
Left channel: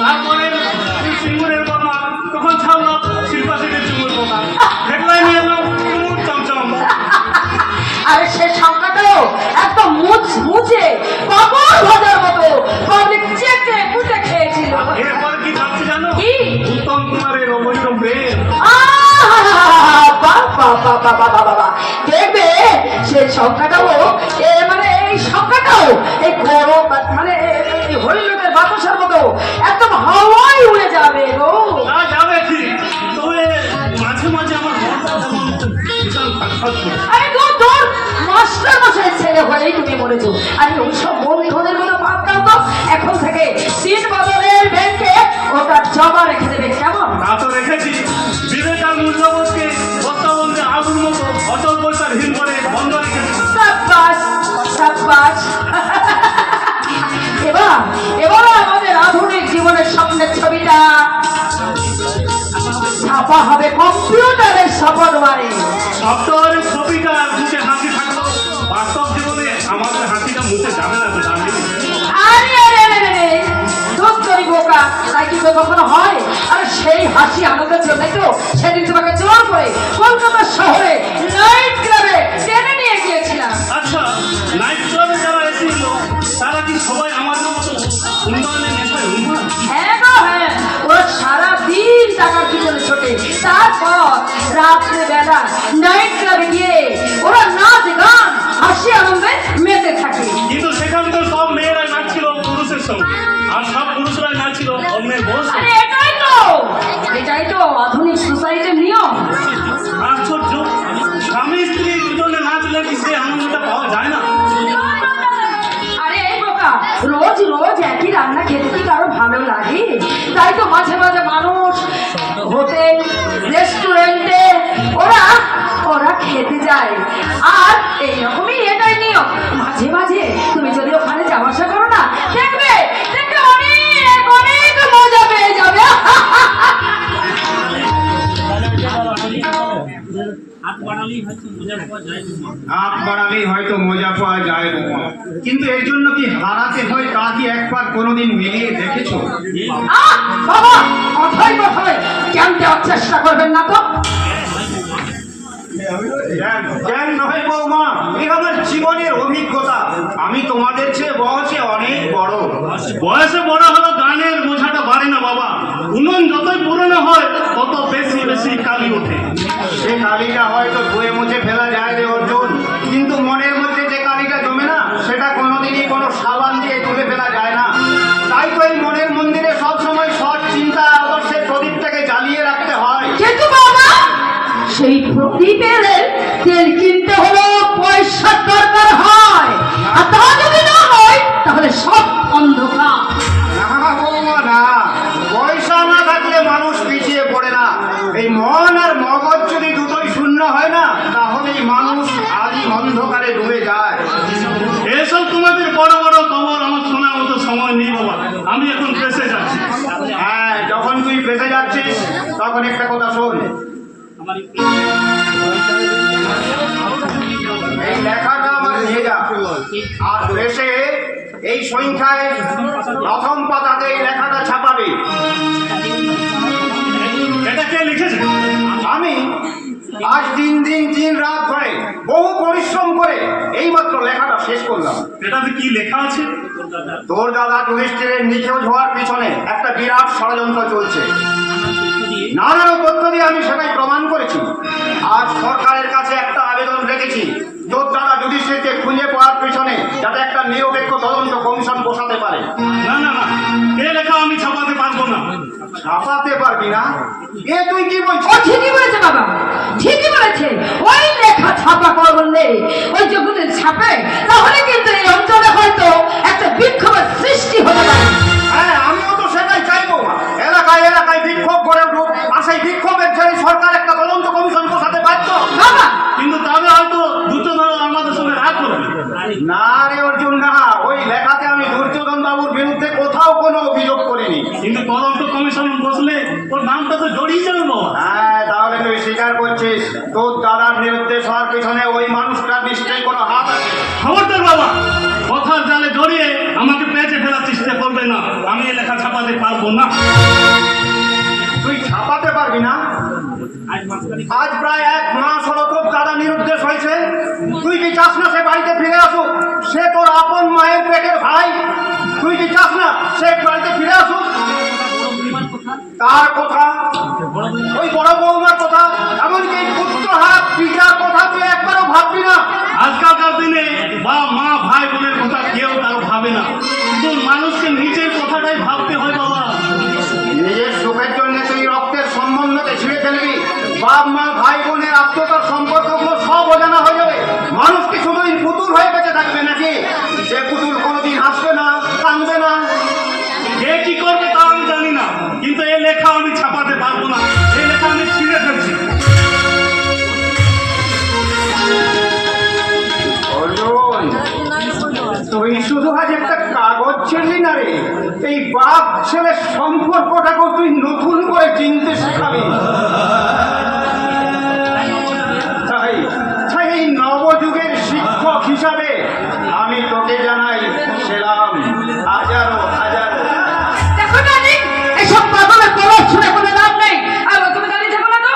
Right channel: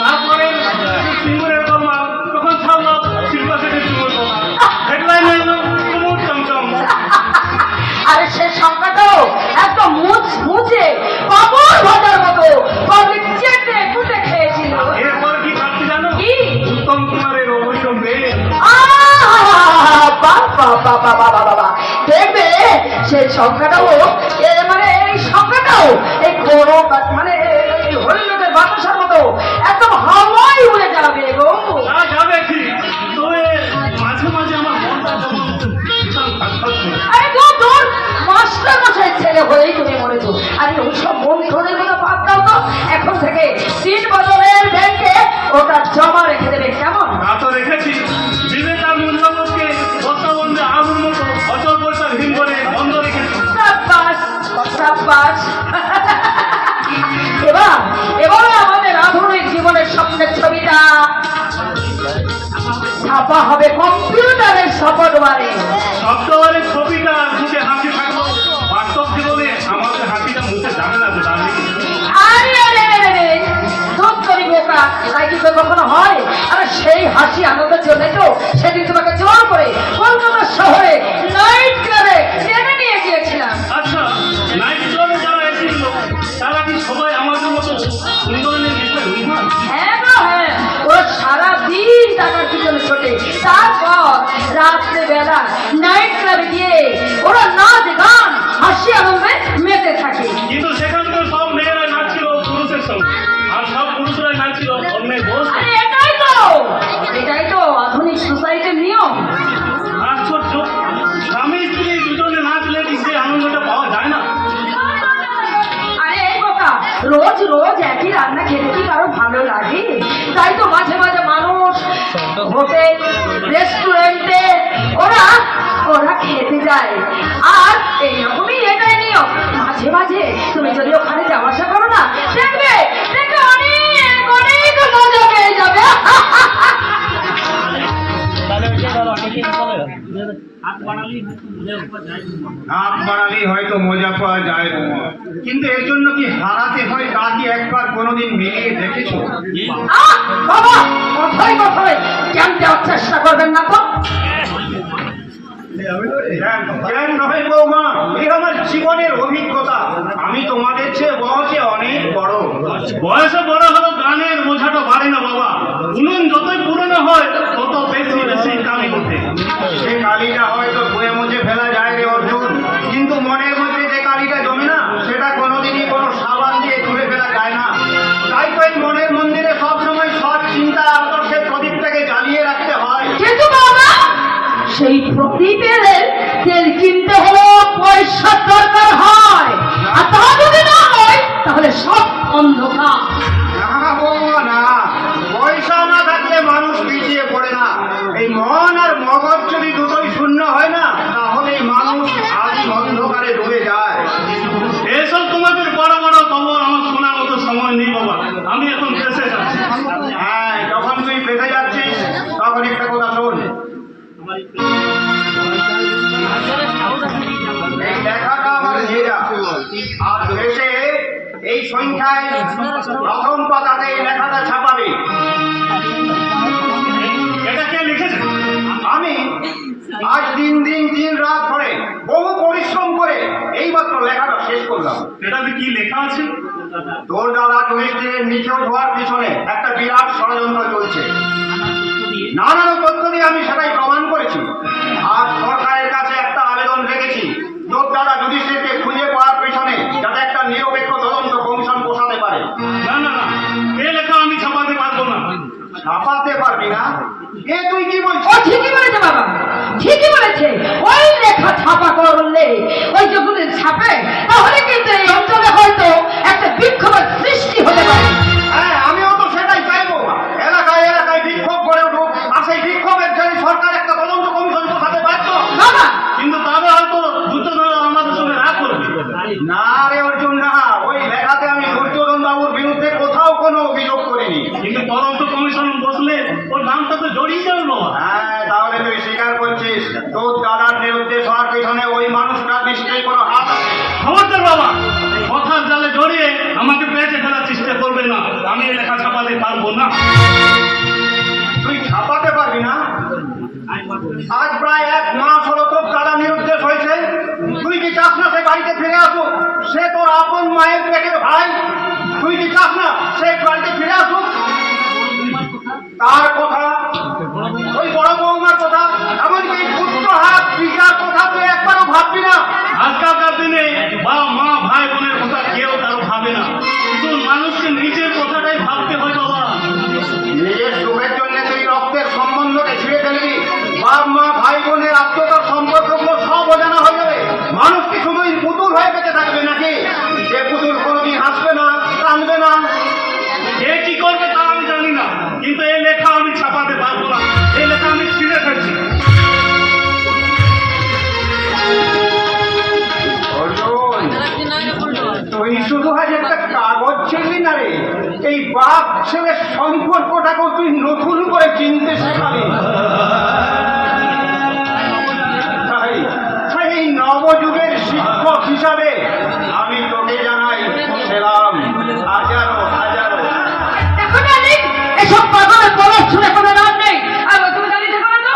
তারপরে সিঙ্গুরের কর্মা তখন ছাপলাম শিল্পা সেটের সিঙ্গুর কর্মা। হেডলাইনে এলো কুমুর চমচম। আরে সে সংখ্যাটাও একদম মুছে পাপড় ভাজার মতো পাবলিক চেটে পুটে খেয়েছিল। এরপরে কি ভাবছি জানো? কি? উত্তম কুমারের অবৈধ মেয়ে। বাবা দেখবে সেই সংখ্যাটাও মানে এই সংখ্যাটাও এই গরম মানে এই হরিলোকের বাতাসের মতো একদম হাওয়ায় উড়ে যাবে গো। তা যাবে ঠিক, তবে মাঝে মাঝে আমার মনটা যেমন ভীষণ খটখট করে। আরে গো তোর মাস্টার মশাই ছেলে হয়েই তুমি মরেছো। আরে ওইসব বন্ধুদের কোনো বাদ দাও তো, এখন থেকে 3 বছরের ব্যাংকে ওটা জমা রেখে দেবে কেমন? তা তো রেখেছি। বিবেকানন্দকে বর্তমানে আগুন মতো অচল পয়সা হীন করে বন্ধ রেখেছি। সাব্বাস সাব্বাস। এবার আমাদের আধুনিক জীবনের স্বপ্নের ছবিটা ছাপা হবে কম্পিউটারের সফটওয়্যারে। সপ্তাহের ছবিটা মুখে হাসি থাকলো, বাস্তব জীবনে আমাদের হাসিটা মুখে জানে না যে জানলে। আরে খুব করি বোকা, তাই কি তো কখনো হয়? আরে সেই হাসি আনন্দের জন্য তো সেদিন তোমাকে জোর করে কলকাতা শহরে নাইট ক্লাবে টেনে নিয়ে গিয়েছিলাম। আচ্ছা, নাইট ক্লাবে যারা এসেছিল তারা কি সবাই আমাদের মতো উন্নয়নের নেশায় উন্নয়ন? হ্যাঁ গো হ্যাঁ, ওরা সারাদিন টাকার পিছনে ছোটে, তারপর রাত্রে বেলা নাইট ক্লাবে গিয়ে ওরা নাচ গান হাসি আনন্দে মেতে থাকে। কিন্তু সেখানে তো সব মেয়েরা নাচছিল পুরুষের সঙ্গে, আর সব পুরুষরাই নাচছিল অন্যের বস। আরে এটাই তো আধুনিক সোসাইটির নিয়ম। আশ্চর্য, স্বামী স্ত্রী দুজনে নাচলে কি সেই আনন্দটা পাওয়া যায় না? আরে বোকা, রোজ রোজ একই রান্না খেতে কি কারো ভালো লাগে? তাই তো মাঝে মাঝে মানুষ হোটেল রেস্টুরেন্টে ওরা খেতে যায়। আর এইরকমই এটাই নিয়ম। মাঝে মাঝে তুমি যদি ওখানে যাওয়া আসা করো না, দেখবে অনেক অনেক মজা পেয়ে যাবে। হাত বাড়ালেই হয়তো মজা পাওয়া যায় বৌমা, কিন্তু এর জন্য কি হারাতে হয় তা কি একবার কোনোদিন মিলিয়ে দেখেছো? বাবা কোথায় কোথায় কেন দেওয়ার চেষ্টা করবেন না তো? জ্ঞান নয় বৌমা, এ আমার জীবনের অভিজ্ঞতা। আমি তোমাদের চেয়ে বয়সে অনেক বড়। বয়সে বড় হলো গানের বোঝাটা বাড়ে না বাবা। উনুন যতই পুরনো হয় তত বেশি বেশি কালি ওঠে। সে কালিটা হয়তো ধুয়ে মুছে ফেলা যায় রে অর্জুন, কিন্তু মনের মধ্যে যে কালিটা জমে না সেটা কোনোদিনই কোনো সাবান দিয়ে তুলে ফেলা যায় না। তাই তো এই মনের মন্দিরে সবসময় সৎ চিন্তা আদর্শের প্রদীপটাকে জ্বালিয়ে রাখতে হয়। কিন্তু বাবা সেই প্রদীপের তেল কিনতে হলো পয়সার দরকার হয়, আর তা যদি না হয় তাহলে সব অন্ধকার। না বৌমা না, পয়সা না থাকলে মানুষ পিছিয়ে পড়ে না। এই মন আর মগজ যদি দুটোই শূন্য হয় না, তাহলে মানুষ আদি অন্ধকারে ডুবে যায়। এসব তোমাদের বড় বড় খবর আমার শোনার মতো সময় নেই বাবা। আমি এখন প্রেসে যাচ্ছি। হ্যাঁ, যখন তুই বেঁচে যাচ্ছিস তখন একটা কথা শোন। এই লেখাটা আমার ভেজা, আর দেশে এই সংখ্যায় প্রথম পাতাতে এই লেখাটা ছাপাবে। এটা কে লিখেছে? আমি আজ দিন রাত ধরে বহু পরিশ্রম করে এইমাত্র লেখাটা শেষ করলাম। এটাতে কি লেখা আছে? তোর দাদা যুধিষ্ঠিরের নিখোঁজ হওয়ার পিছনে একটা বিরাট ষড়যন্ত্র চলছে। নানান তথ্য দিয়ে আমি সেটাই প্রমাণ করেছি। আজ সরকারের কাছে একটা আবেদন রেখেছি, তোর দাদা যুধিষ্ঠিরকে খুঁজে পাওয়ার পিছনে যাতে একটা নিরপেক্ষ তদন্ত কমিশন বসাতে পারে। না না না, এই লেখা আমি ছাপাতে পারবো না। ছাপাতে পারবি না? এ তুই কি ও বলছিস? ঠিকই বলেছে বাবা, ঠিকই বলেছে। ওই লেখা ছাপা করলে ওই যেগুলো ছাপে তাহলে কিন্তু এই অঞ্চলে হয়তো একটা বিক্ষোভের সৃষ্টি হতে পারে। হ্যাঁ, আমিও তো সেটাই চাইবো। এলাকায় এলাকায় বিক্ষোভ করে উঠুক, আর সেই বিক্ষোভের জন্য সরকার একটা তদন্ত কমিশন বসাতে পারতো। বাবা কিন্তু তাদের হয়তো দুর্যোধন আমাদের সঙ্গে রাগ করবে। না রে অর্জুন না, ওই লেখাতে আমি দুর্যোধন বাবুর বিরুদ্ধে কোথাও কোনো অভিযোগ করিনি। কিন্তু তদন্ত কমিশন বসলে ওর নামটা তো জড়িয়ে যাবে বাবা। হ্যাঁ, তাহলে তুই স্বীকার করছিস তোর দাদার বিরুদ্ধে সবার পিছনে ওই মানুষটার নিশ্চয়ই কোনো হাত আছে। খবরদার বাবা, কথার জালে জড়িয়ে আমাকে পেঁচে ফেলার চেষ্টা করবে না। আমি এই লেখা ছাপাতে পারবো না। তুই ছাপাতে পারবি না? আজ প্রায় 1 মাস হলো তোর দাদা নিরুদ্দেশ হয়েছে। তুই কি চাস না সে বাড়িতে ফিরে আসুক? সে তোর আপন মায়ের পেটের ভাই। তুই কি চাস না সে বাড়িতে ফিরে আসুক? তার কথা, ওই বড় বৌমার কথা, এমনকি পুত্র হাত পিতার কথা তুই একবারও ভাববি না। আজকালকার দিনে বা মা ভাই বোনের কথা কেউ তারও ভাবে না। শুধু মানুষকে নিজের কথাটাই ভাবতে হয় বাবা। নিজের সুখের জন্য তুই রক্তের সম্বন্ধকে ছিঁড়ে ফেলবি। বাপ মা ভাই বোনের আত্মতার সম্পর্কগুলো সব অজানা হয়ে যাবে। মানুষ কি শুধুই পুতুল হয়ে বেঁচে থাকবে নাকি? যে পুতুল কোনোদিন হাসবে না, কাঁদবে না। কে কি করবে তা আমি জানি না, কিন্তু এই লেখা আমি ছাপাতে পারবো না। এই লেখা আমি ছিঁড়ে ফেলছি। তুই শুধু আজ একটা কাগজ ছিড়লি না রে, এই বাপ ছেলের সম্পর্কটাকেও তুই নতুন করে চিনতে শেখাবি। তাই তাই এই নবযুগের শিক্ষক হিসাবে আমি তোকে জানাই সেলাম হাজারো হাজারো। দেখো না দিক, এসব পাগলের বলার শুনে কোনো লাভ নেই। আর তুমি জানি যে না তো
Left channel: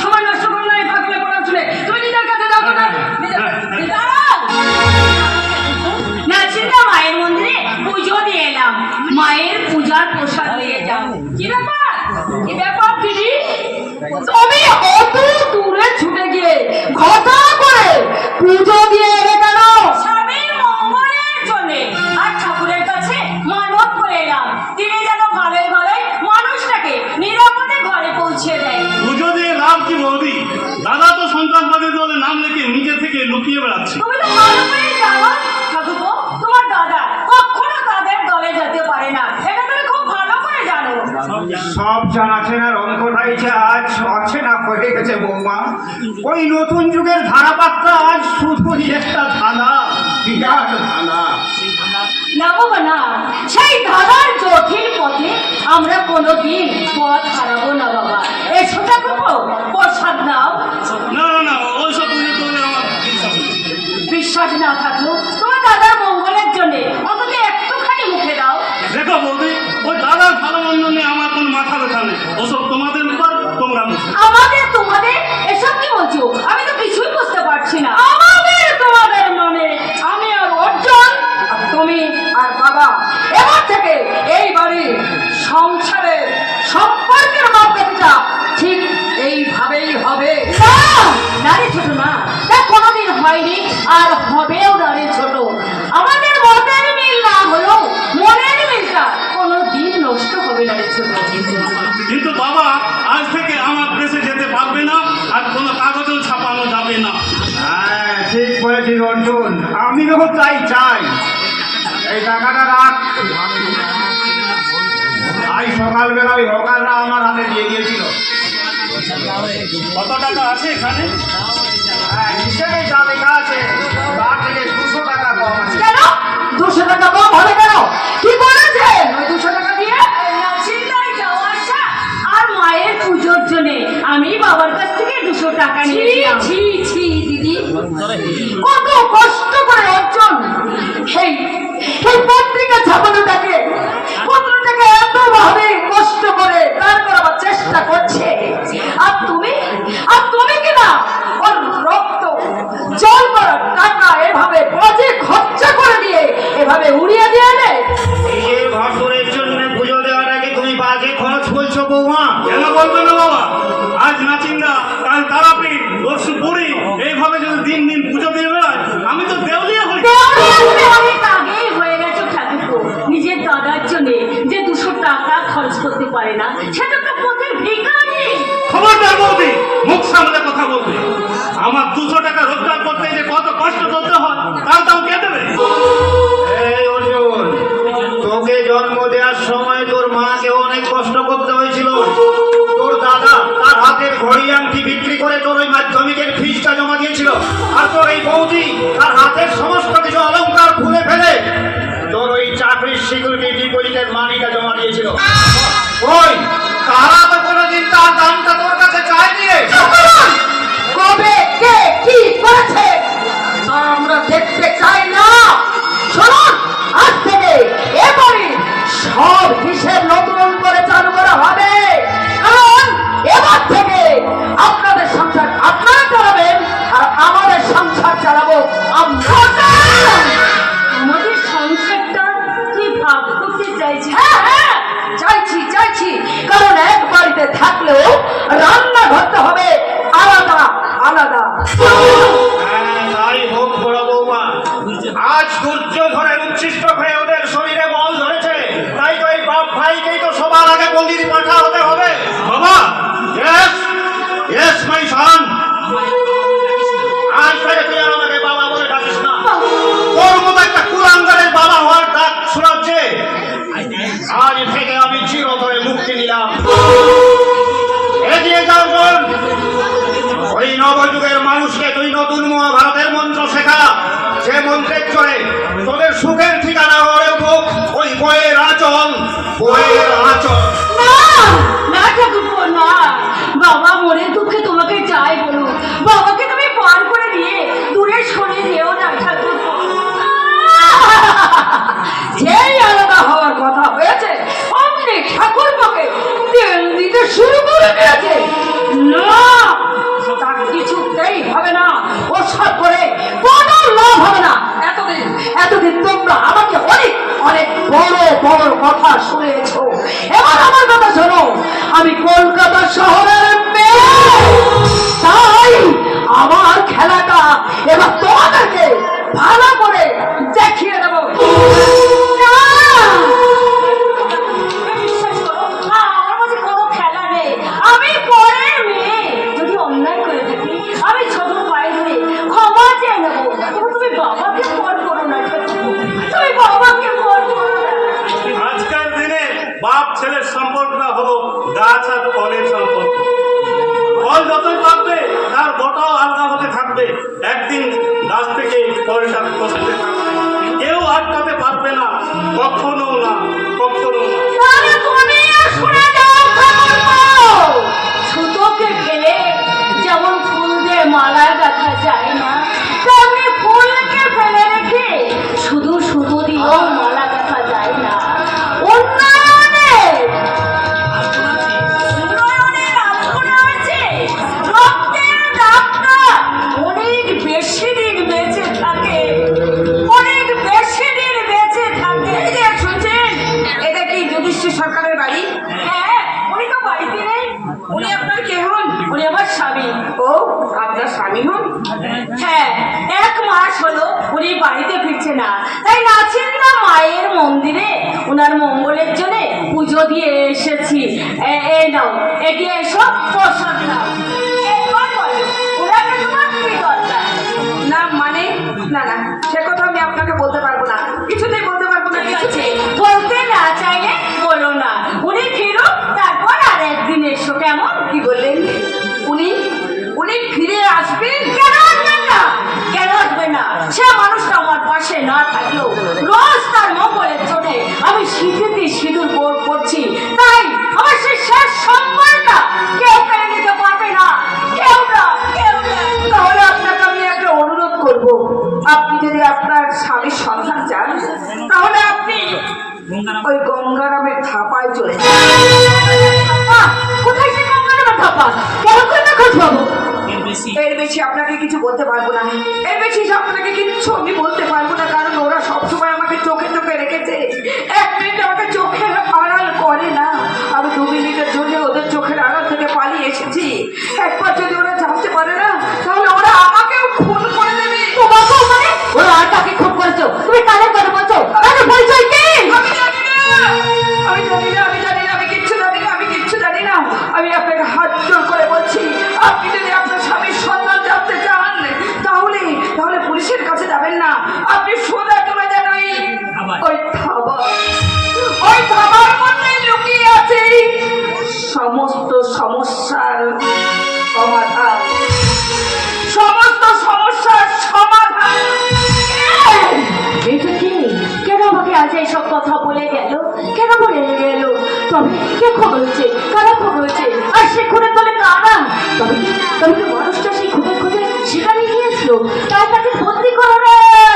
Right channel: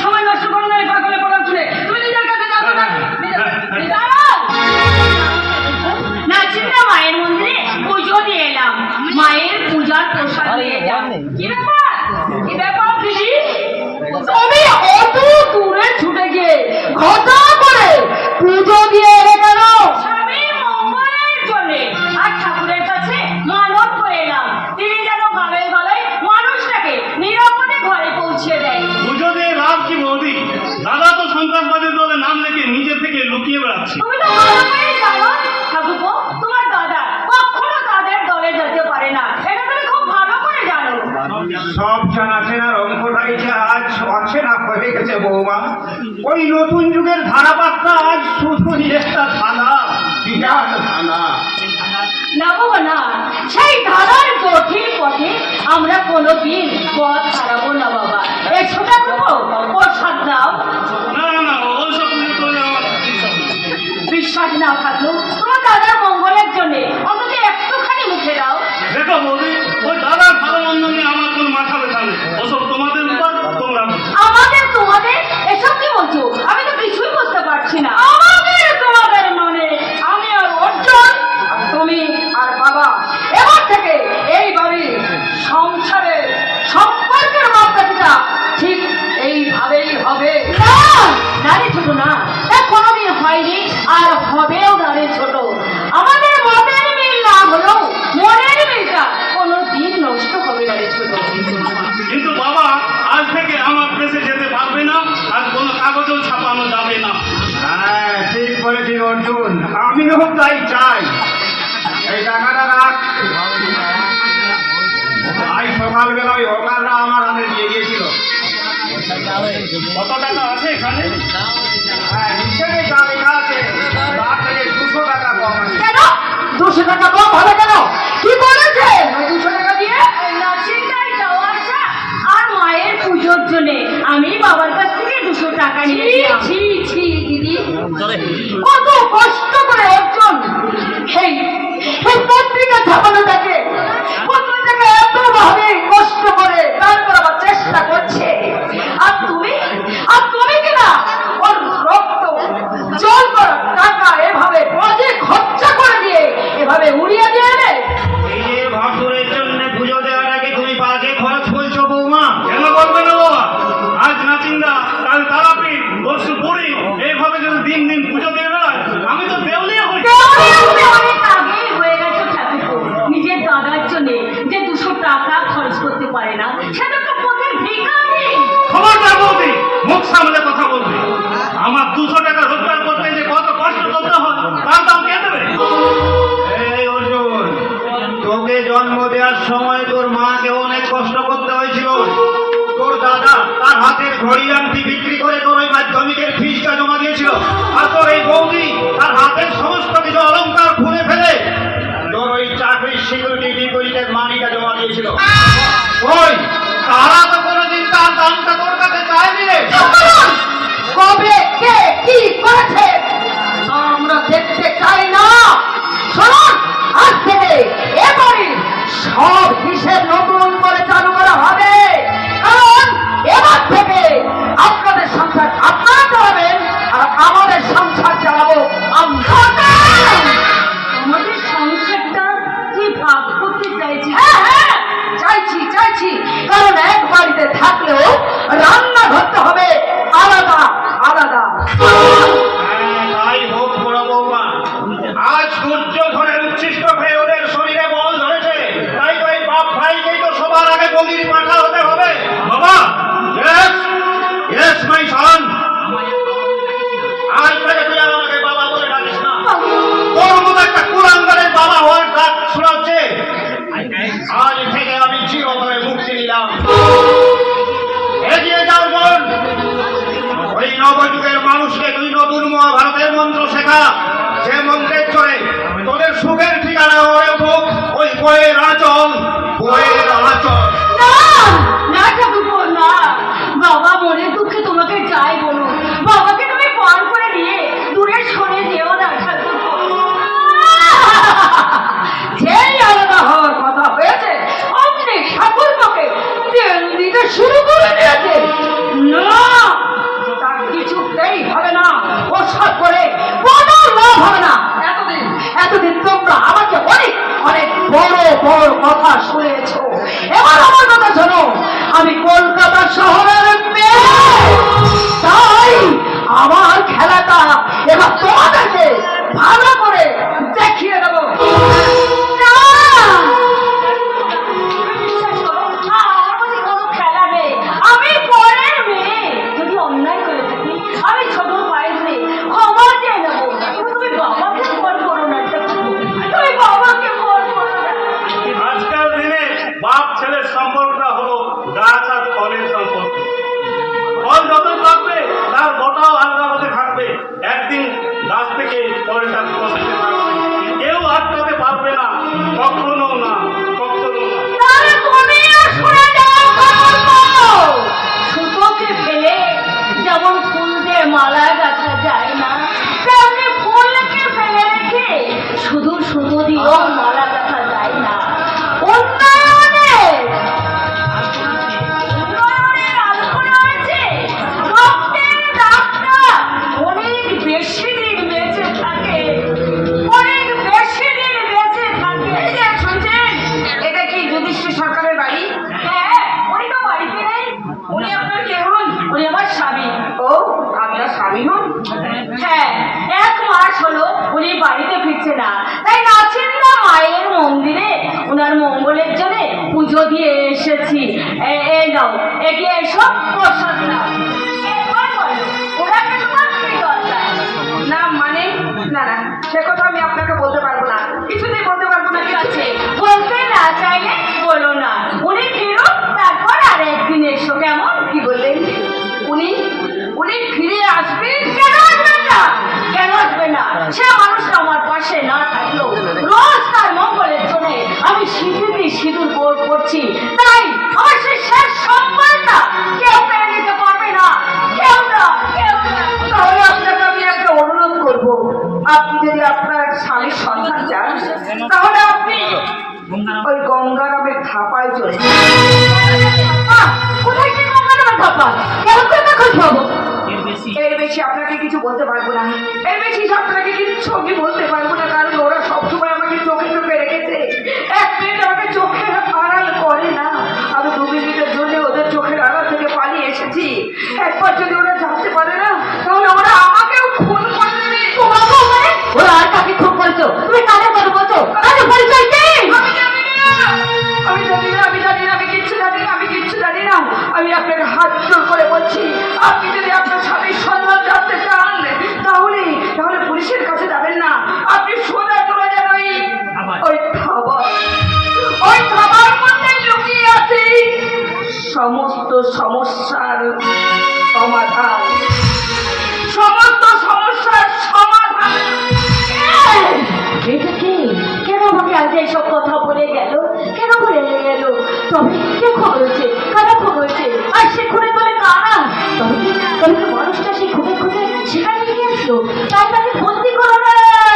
সময় নষ্ট করো না এই পাগলের বলার শুনে। তুমি নিজের কাছে যাও না। না চিন্তা, মায়ের মন্দিরে পুজো দিয়ে এলাম, মায়ের পূজার প্রসাদ নিয়ে যাও। কি ব্যাপার, কি ব্যাপার দিদি? তুমি অত দূরে ছুটে গিয়ে ঘটা করে পুজো দিয়ে এলে কেন? স্বামীর মঙ্গলের জন্য আর ঠাকুরের কাছে মানত করে এলাম তিনি যেন গালে গলায় মানুষটাকে নিরাপদে ঘরে পৌঁছে দেয়। পুজো দিয়ে লাভ কি বৌদি? দাদা তো সন্ত্রাসবাদী দলে নাম লিখে নিজে থেকে লুকিয়ে বেড়াচ্ছে। তুমি তো ভালো করেই জানো ঠাকুরপো, তোমার দাদা কখনো তাদের দলে যেতে পারে না, এটা তুমি খুব ভালো করে জানো। সব জানাশোনার অঙ্কটাই যে আজ অচেনা হয়ে গেছে বৌমা। ওই নতুন যুগের ধারাপাতটা আজ শুধুই একটা ধাঁধা, বিরাট ধাঁধা। না বাবা না, সেই ধাঁধার জটিল পথে আমরা কোনোদিন পথ হারাবো না বাবা। এসো ঠাকুরপো, প্রসাদ নাও। না না না, ওইসব নষ্ট হবে না রে ছোট। কিন্তু বাবা, আজ থেকে আমার দেশে যেতে পারবে না, আর কোনো কাগজও ছাপানো যাবে না। হ্যাঁ, ঠিক করেছিস অর্জুন, আমিও তাই চাই। এই টাকাটা রাখ। আজ সকালবেলা ওই হকাররা আমার হাতে দিয়ে দিয়েছিল। কত টাকা আছে এখানে? হ্যাঁ, হিসেবে যা লেখা আছে তার থেকে 200 টাকা কম আছে। কেন 200 টাকা কম হবে কেন? কি করেছে 200 টাকা দিয়ে? নাচিন্দায় যাওয়া আসা আর মায়ের পুজোর জন্য আমি বাবার কাছ থেকে 200 টাকা নিয়েছিলাম। ছি ছি দিদি, কত কষ্ট করে অর্জন এই পত্রিকা ছাপানোটাকে এত ভাবে কষ্ট করে তারপর আবার চেষ্টা করছে। আর তুমি কিনা ওর রক্ত জল করা টাকা এভাবে বাজে খরচা করে দিয়ে এভাবে উড়িয়ে দিয়ে রে। এই যে ভাসুরের জন্য পুজো দেওয়ার আগে তুমি বাজে খরচ বলছো বৌমা? কেন বলবে না বাবা? আজ নাচিন্দা, কাল তারাপি, পরশু বুড়ি, এইভাবে যদি দিন দিন পুজো দিয়ে বেড়ায়, আমি তো দেউলিয়া হই। অনেক আগেই হয়ে গেছে ঠাকুর। নিজের দাদার জন্য যে 200 টাকা খরচ করতে পারে না, সেটা তো পথের ভিখারি। খবরদার বৌদি, মুখ সামলে কথা বলবে। আমার 200 টাকা রোজগার করতে যে কত কষ্ট করতে হয়, তার দাম কে দেবে? এই অর্জুন, তোকে জন্ম দেওয়ার সময় তোর মাকে অনেক কষ্ট করতে হয়েছিল। তোর দাদা তার হাতের ঘড়ি আংটি বিক্রি করে তোর ওই মাধ্যমিকের ফিসটা জমা দিয়েছিল। আর তোর এই বৌদি তার হাতের সমস্ত কিছু অলংকার খুলে ফেলে তোর ওই চাকরির সিকিউরিটি ডিপোজিটের মানিটা জমা দিয়েছিল। ওই তারা তো কোনোদিন তার দামটা তোর কাছে চায়নি রে। কবে কে কি করেছে আমরা দেখতে চাই না। শুনুন, আজ থেকে এবারে সব হিসেব নতুন করে চালু করা হবে। কারণ এবার থেকে আপনাদের সংসার আপনারা চালাবেন আর আমাদের সংসার চালাবো আমরা। আমাদের সংসারটা তুই ভাগ করতে চাইছিস? হ্যাঁ, চাইছি। কারণ এক বাড়িতে থাকলেও রান্না ধরতে হবে আলাদা আলাদা। তাই হোক বড় বৌমা, আজ দুর্যোধনের উচ্ছিষ্ট হয়ে ওদের শরীরে বল ধরেছে। তাই তো এই বাপ ভাইকেই তো সবার আগে বলির পাঠা হতে হবে। বাবা, yes my son, আজ থেকে তুই আর আমাকে বাবা বলে ডাকিস না। তোর মতো একটা কুলাঙ্গারের বাবা হওয়ার ডাক শোনাচ্ছে। আজ থেকে আমি চিরতরে মুক্তি নিলাম। এগিয়ে যাও বোন, ওই নবযুগের মানুষকে তুই নতুন মহাভারতের মন্ত্র শেখা। যে মন্ত্রের চলে তোদের সুখের ঠিকানা হয়ে উঠুক ওই বইয়ের আচল। না ঠাকুরপো, না। বাবা মনের দুঃখে তোমাকে যাই বলো, বাবাকে তুমি পান করে দিয়ে দূরে সরিয়ে দিও না ঠাকুরপো। যেই আলাদা হওয়ার কথা হয়েছে অমনি ঠাকুরপোকে তেল দিতে শুরু করে দিয়েছে। না, তা কিছুতেই হবে না। ও সব করে কোনো লাভ হবে না। এতদিন তোমরা আমাকে অনেক বড় কথা শুনেছো। এবার আমার কথা শোনো, আমি কলকাতা শহরের মেয়ে। তাই আমার খেলাটা এবার তোমাদেরকে ভালো করে দেখিয়ে দেবো। না, বিশ্বাস করো, আমার কাছে কোনো খেলা নেই। আমি পরের মেয়ে। যদি অন্যায় করে থাকি আমি ছোট পায়ে ধরে ক্ষমা চেয়ে নেবো। কিন্তু তুমি বাবাকে ফোন করো না, তুমি বাবাকে ফোন করো না। আজকাল দিনে বাপ ছেলের সম্পর্কটা হলো গাছ আর ফলের সম্পর্ক। ফল যত পাকবে তার গোটাও আলগা হতে থাকবে। একদিন গাছ থেকে ফলটা কষতে থাকবে, কেউ আটকাতে পারবে না, কখনো না। তাহলে তুমিও শুনে যাও ঠাকুরপো। সুতোকে ফেলে যেমন ফুল দিয়ে মালা গাঁথা যায় না, তেমনি ফুলকে ফেলে রেখে শুধু সুতো দিয়েও মালা গাঁথা যায় না। উন্নয়নের আলোচনা আছে, রক্তের দাগটা অনেক ওনার মঙ্গলের জন্য পুজো দিয়ে এসেছি। এই নাও, এগিয়ে এসো, প্রসাদ নাও। এবার বলো, ওনাকে তোমার কি দরকার? না মানে না না, সে কথা আমি আপনাকে বলতে পারবো না, কিছুতেই বলতে পারবো না। ঠিক আছে, বলতে না চাইলে বলো না। উনি ফিরুক, তারপর আর একদিন এসো, কেমন? কি বললেন? উনি উনি ফিরে আসবেন? কেন আসবেন না? কেন আসবেন না? সে মানুষটা আমার পাশে না থাকলেও রোজ তার মঙ্গলের জন্য আমি সিঁথিতে সিঁদুর করছি, তাই আমার সেই শেষ সম্মানটা কেউ কেড়ে নিতে পারবে না, কেউ না, কেউ না। তাহলে আপনাকে আমি একটা অনুরোধ করব, আপনি যদি আপনার স্বামীর সন্ধান চান তাহলে আপনি ওই গঙ্গারামের থাপায় চলে যান। আহ, কোথায় সে গঙ্গারামের থাপা? কেন করে খোঁজ পাবো? এর বেশি আপনাকে কিছু বলতে পারবো না, এর বেশি আপনাকে কিচ্ছু আমি বলতে পারবো না, কারণ ওরা সবসময় আমাকে চোখে চোখে রেখেছে। এক মিনিট আমাকে চোখের আড়াল করে না, আমি 2 মিনিটের জন্য ওদের চোখের আড়াল থেকে পালিয়ে এসেছি। একবার যদি ওরা জানতে পারে না তাহলে ওরা আমাকেও খুন করে দেবে। তোমাকেও মানে? ওরা আর কাকে খুন করেছো? তুমি কাদের কথা বলছো? আরে পরিচয় কি? আমি জানি না, আমি জানি না, আমি জানি না, আমি কিচ্ছু জানি না, আমি কিচ্ছু জানি না। আমি আপনাকে হাত জোর করে বলছি, আপনি যদি আপনার স্বামীর সন্ধান জানতে চান তাহলে তাহলে পুলিশের কাছে যাবেন না, আপনি সোজা চলে যান ওই থাবার মধ্যে লুকিয়ে আছে সমস্ত সমস্যার সমাধান, সমস্ত সমস্যার সমাধান। এটা কি? কেন আমাকে আজ এইসব কথা বলে গেল? কেন বলে গেল? তবে কে খবর হয়েছে? কারা খবর হয়েছে? আর সে খুনে বলে কারা? তবে কি মানুষটা সেই খুনে খুঁজে সেখানে গিয়েছিল, তাই তাকে বন্দি করে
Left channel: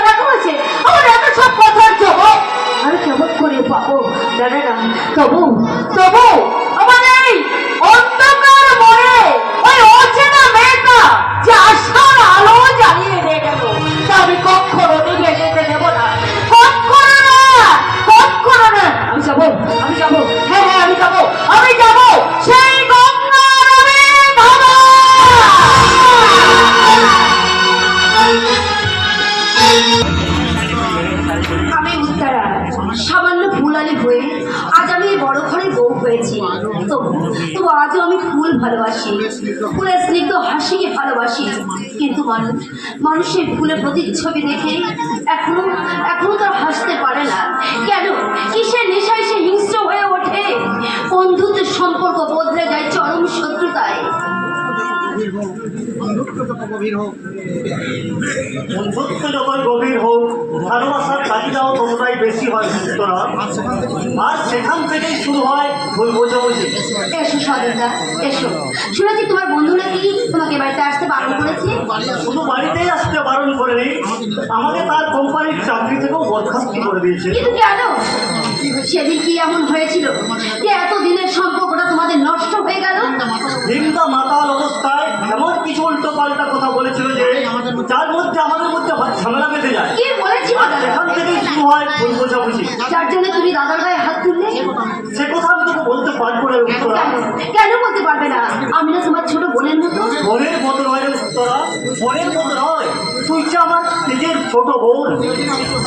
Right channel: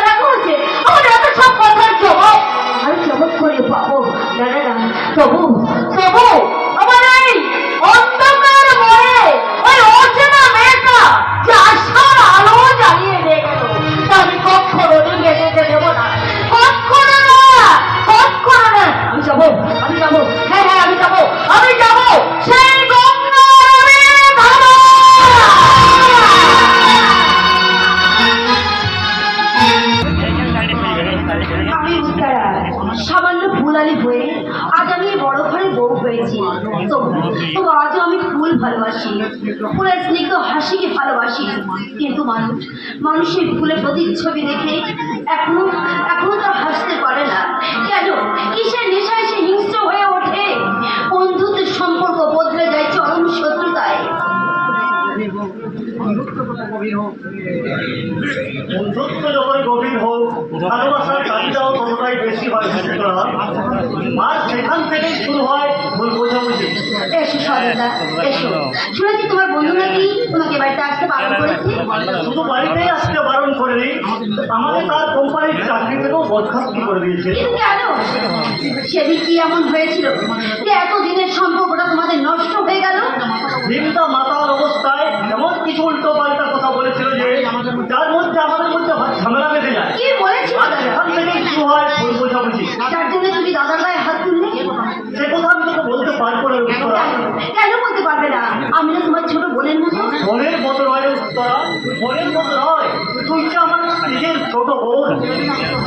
রাখা হয়েছে? আমার এত সব কথার জবাব আর কেমন করে পাবো? না না না, তবু তবু আমার এই অন্ধকার মনে ওই অচেনা মেয়েটা যে আশার আলো জ্বালিয়ে দিয়ে গেল, তা আমি কখনো নিয়ে যেতে দেবো না, কখনো না, কখনো না। আমি যাবো, আমি যাবো, হ্যাঁ হ্যাঁ আমি যাবো, আমি যাবো সেই গঙ্গারামের ধারে। আমি উত্তরা, সামান্য ফুলালি হয়ে আজ আমি এই বড় ঘরের বউ হয়েছি। তবু আজও আমি ফুল ভালোবাসি, ফুলের স্নিগ্ধ হাসিকে ভালোবাসি। কিন্তু মানুষের ফুলের প্রতিচ্ছবি দেখে এখনো এখনো তো হাসতে পারে না। কেন? কিসের নেশায় সে হিংস্র হয়ে ওঠে? বন্ধুত্বের সম্পর্ক বদলে যায় চরম শত্রুতায়। বন্ধুত্ব যতই গভীর হোক, ভালোবাসার চাহিদাও ততটাই বেশি হয় সুতরাং, আর সেখান থেকেই শুরু হয় ভুল বোঝাবুঝি। এসো সদরদা, এসো। শুনেছি তোমার বন্ধু নাকি তোমাকে বাড়িতে আসতে বারণ করেছে। শুধু বাড়িতেই আসতে বারণ করেনি, আমাকে তার কোম্পানির চাকরি থেকেও বরখাস্ত করে দিয়েছে। কিন্তু কেন? সেদিন কি এমন হয়েছিল যে এতদিনের সম্পর্কটা তোমাদের নষ্ট হয়ে গেল? দিনটা মাতাল অবস্থায় এমন কিছু উল্টো পাল্টা কথা বলেছিল যে যার মধ্যে আমাদের মধ্যে ঝামেলা বেঁধে যায়। কি বলেছিল দাদা? এখান থেকেই শুরু হয় ভুল বোঝাবুঝি। যার জন্য তুমি দাদার গায়ে হাত তুললে? সে কথা আমি তোকে বলতে পারবো না উত্তরা। কেন বলতে পারবে না? আমি না তোমার ছোট বোনের মতো। মনের মতো নয় রে উত্তরা, মনের মতো নয়। তুই যে আমার নিজের ছোট বোন,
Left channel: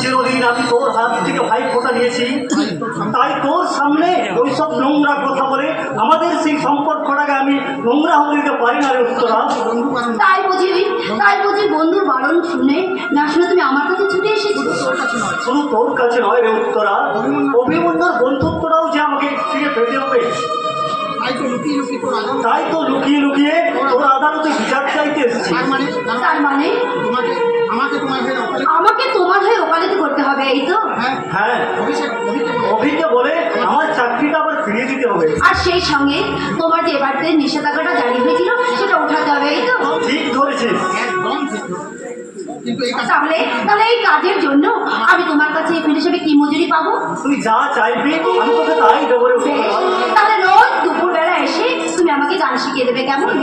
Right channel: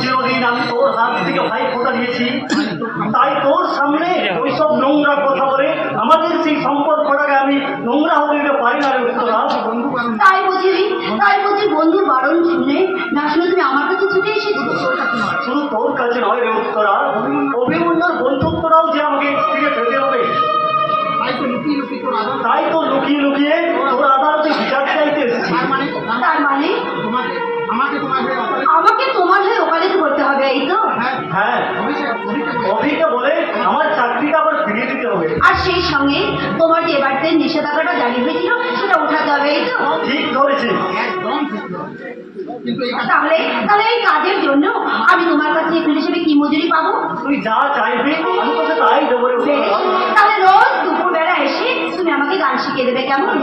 চিরদিন আমি তোর হাত থেকে ভাই ফোঁটা নিয়েছি, তাই তোর সামনে ওইসব নোংরা কথা বলে আমাদের সেই সম্পর্কটাকে আমি নোংরা হতে দিতে পারি না রে উত্তরা। তাই বুঝি বন্ধুর বারণ শুনে না শুনে তুমি আমার কাছে ছুটে এসেছো? শুধু তোর কাছে নয় রে উত্তরা, অভিমন্যুর বন্ধুত্বটাও যে আমাকে ফিরে পেতে হবে। তাই তো লুকিয়ে লুকিয়ে তোর আদালতে বিচার চাইতে এসেছি। তার মানে আমাকে তোমার হয়ে ওকালতি করতে হবে, এই তো? হ্যাঁ, অভিকে বলে আমার চাকরিটা আবার ফিরিয়ে দিতে হবে। আর সেই সঙ্গে তোমার যে এবারতে নিষেধাজ্ঞাটা জারি হয়েছিল সেটা উঠাতে হবে, এই তো? ঠিক ধরেছিস। তাহলে তাহলে এই কাজের জন্য আমি তোমার কাছে এখানে হিসেবে কি মজুরি পাবো? তুই যা চাইবি আমি তোকে তাই দেবো রে বেশ, উত্তরা। তাহলে রোজ দুপুরবেলা এসে তুমি আমাকে গান শিখিয়ে দেবে, কেমন?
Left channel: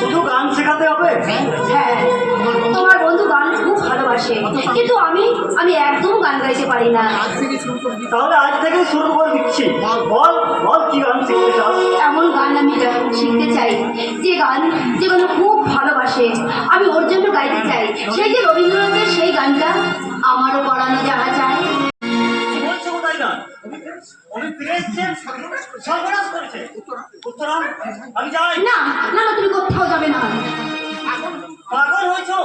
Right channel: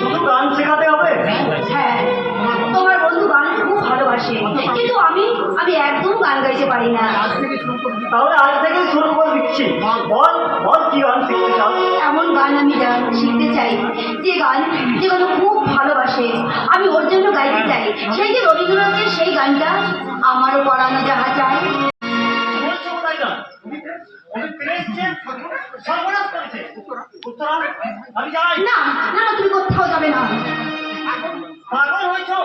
শুধু গান শেখাতে হবে? হ্যাঁ, তোমার বন্ধু গান খুব ভালোবাসে, কিন্তু আমি একদম গান গাইতে পারি না। তাহলে আজ থেকে শুরু করে দিচ্ছি। বল বল কি গান শিখতে চাস? এমন গান আমি শিখতে চাই যেগুলো খুব ভালোবাসে, আমি ওর জন্য গাইতে চাই। সেই যে রবীন্দ্রনাথের সেই গানটা, আমারও পড়ানো যাহা চাই। বলছো কোথায় গান? ফিরে এসছে সর্বনাশ করেছে। উত্তরা আমি যাই। না না, তুমি কোথাও যাবে না। পাগল হয়েছো?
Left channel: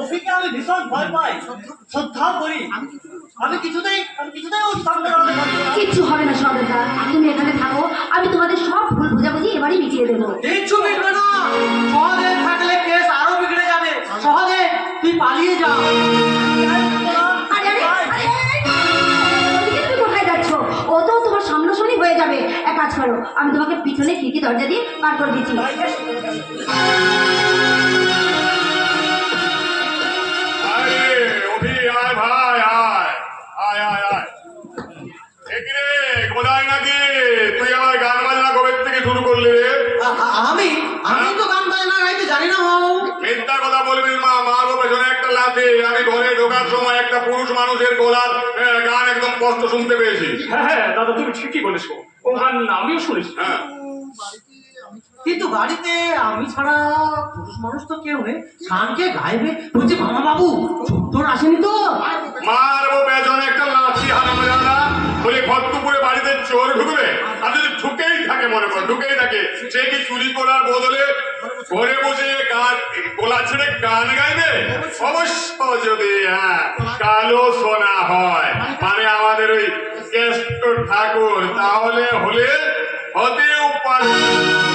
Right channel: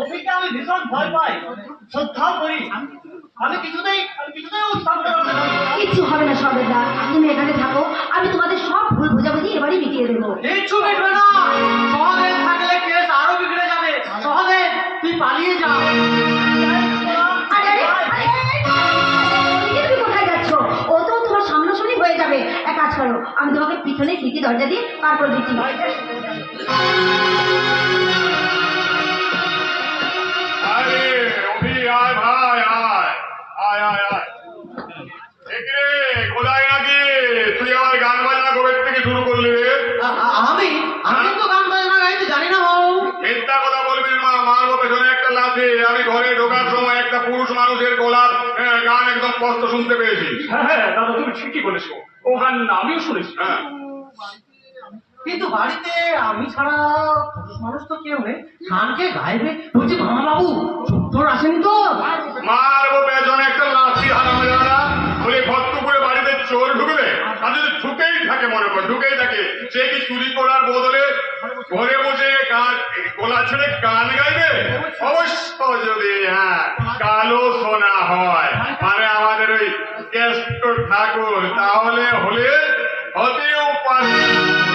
অভিকে আমি ভীষণ ভয় পাই, শ্রদ্ধাও করি। আমি কিছুতেই ওর সামনে দাঁড়াতে পারবো না। কিচ্ছু হবে না সরদা, তুমি এখানে থাকো, আমি তোমাদের সব ভুল বোঝাবুঝি এবারই মিটিয়ে দেবো। কিচ্ছু মিটবে না। সহদেব থাকলে কেস আরো বিগড়ে যাবে। সহদেব তুই পালিয়ে যা। আরে আরে আরে, ওদিকে তুমি কোথায় যাচ্ছ? ও তো তোমার সামনাসামনি হয়ে যাবে। এক কাজ করো, আমি তোমাকে পিছনে খিড়কি দরজা দিয়ে পার করে দিচ্ছি। আরে অভি আয় ভাই আয় আয় আয় আয় একিরে কোথায় নাকি তুই আমার গান বাজনা কবে থেকে শুরু করলি রে? আমি তো গান বাজনা গাইতে জানি না বাবু। মিথ্যা কথা বলবি মা, মারবো পেছনে একটা লাথি। আমি ঘরে ঢোকার সময় একটা পুরুষ মানুষের গলার গান একদম স্পষ্ট শুনতে পেয়েছি। হ্যাঁ হ্যাঁ দাদা, তুমি ঠিকই বলেছো, ও গান আমিও শুনেছি। হ্যাঁ কিন্তু বাড়িতে আমি ছাড়া পুরুষ মানুষ তো কেউ নেই। গানকে গাইবে বলছি মামা বাবু তোর আসেনি তো? মারবো পেছনে একটা লাথি হারামেরা বলে ঘরটুকুরে বাড়িতে চোর ঢুকবে। আর যদি ঢুকেই থাকে, মনে কর ঢুকেই থাকে, সে কি চুরি করার বদলে ঘরে বসে গান গলা ছেড়ে গান গাইবে? অবশ্য যদি কালো সোনা হয়, মানে আমাদের ওই কেষ্ট ঠাকুর, তাহলে হতেও পারে।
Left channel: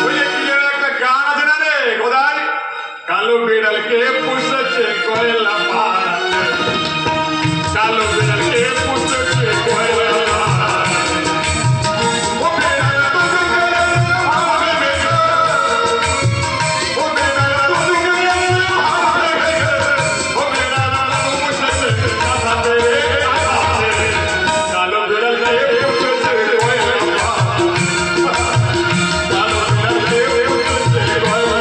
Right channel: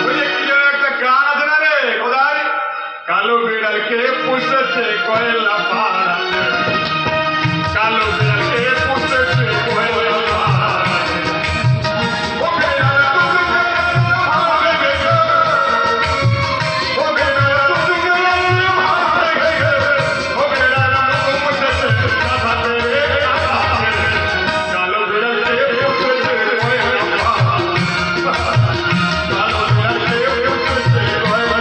ওই যে কি যেন একটা গান আছে না রে কোথায়, কালো বিড়ালকে পুষেছে কয়লা পাড়াতে, কালো বিড়ালকে পুষেছে কয়লা পাড়াতে। ও বিড়াল তুমি কে? আমাকে দেখো। ও বিড়াল তুমি কে? আমাকে দেখো। ও বিড়াল তুমি পুষেছে কাঁথাতে রে, কাঁথাতে। কালো বিড়ালকে পুষেছে কয়লা পাড়াতে, কালো বিড়ালকে পুষেছে কয়লা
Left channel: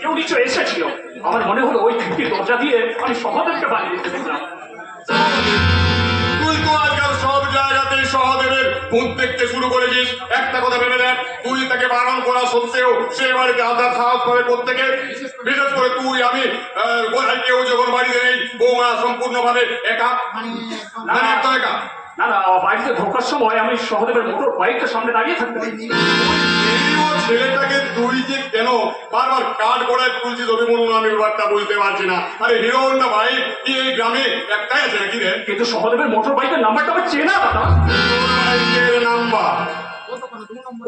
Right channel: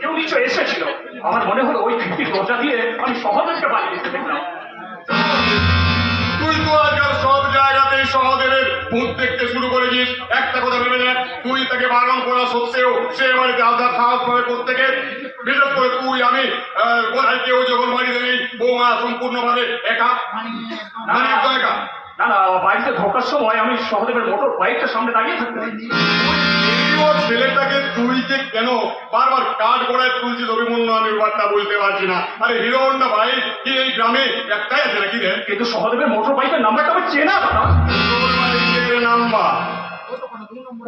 কেউ নিশ্চয় এসেছিল। আমার মনে হলো ওই খিড়কির দরজা দিয়ে আমি সহদেবকে বাড়ি দিতে দেখলাম। তুই তো আজকাল সব জায়গাতেই সহদেবের ভূত দেখতে শুরু করেছিস। একটা কথা ভেবে দেখ, তুই তাকে বারণ করা সত্ত্বেও সে বাড়িতে আদার সাহস করে প্রত্যেকে। বিশেষ করে তুই, আমি কোথায় কেউ যখন বাড়িতে নেই, বৌমা সম্পূর্ণভাবে একা, মানে একদম একা। না না, বাড়িতে ঢোকার সময় আমি সহদেবের মোটর বাইকটা সামনে দাঁড়িয়ে থাকতে দেখি। ও ছেলেটাকে তুই যে কেন বারবার কাঠ গড়ায় তুলছিস অভিমন্যু, আমি ব্যাপারটা বলতে পারছি না। আরে হিরো হন্ডা ভাই কি এই গ্রামে একটাই আছে নাকি রে? কিন্তু সহদেবের মোটর বাইকের নাম্বারটা আমার চেনা দাদা। নাম্বার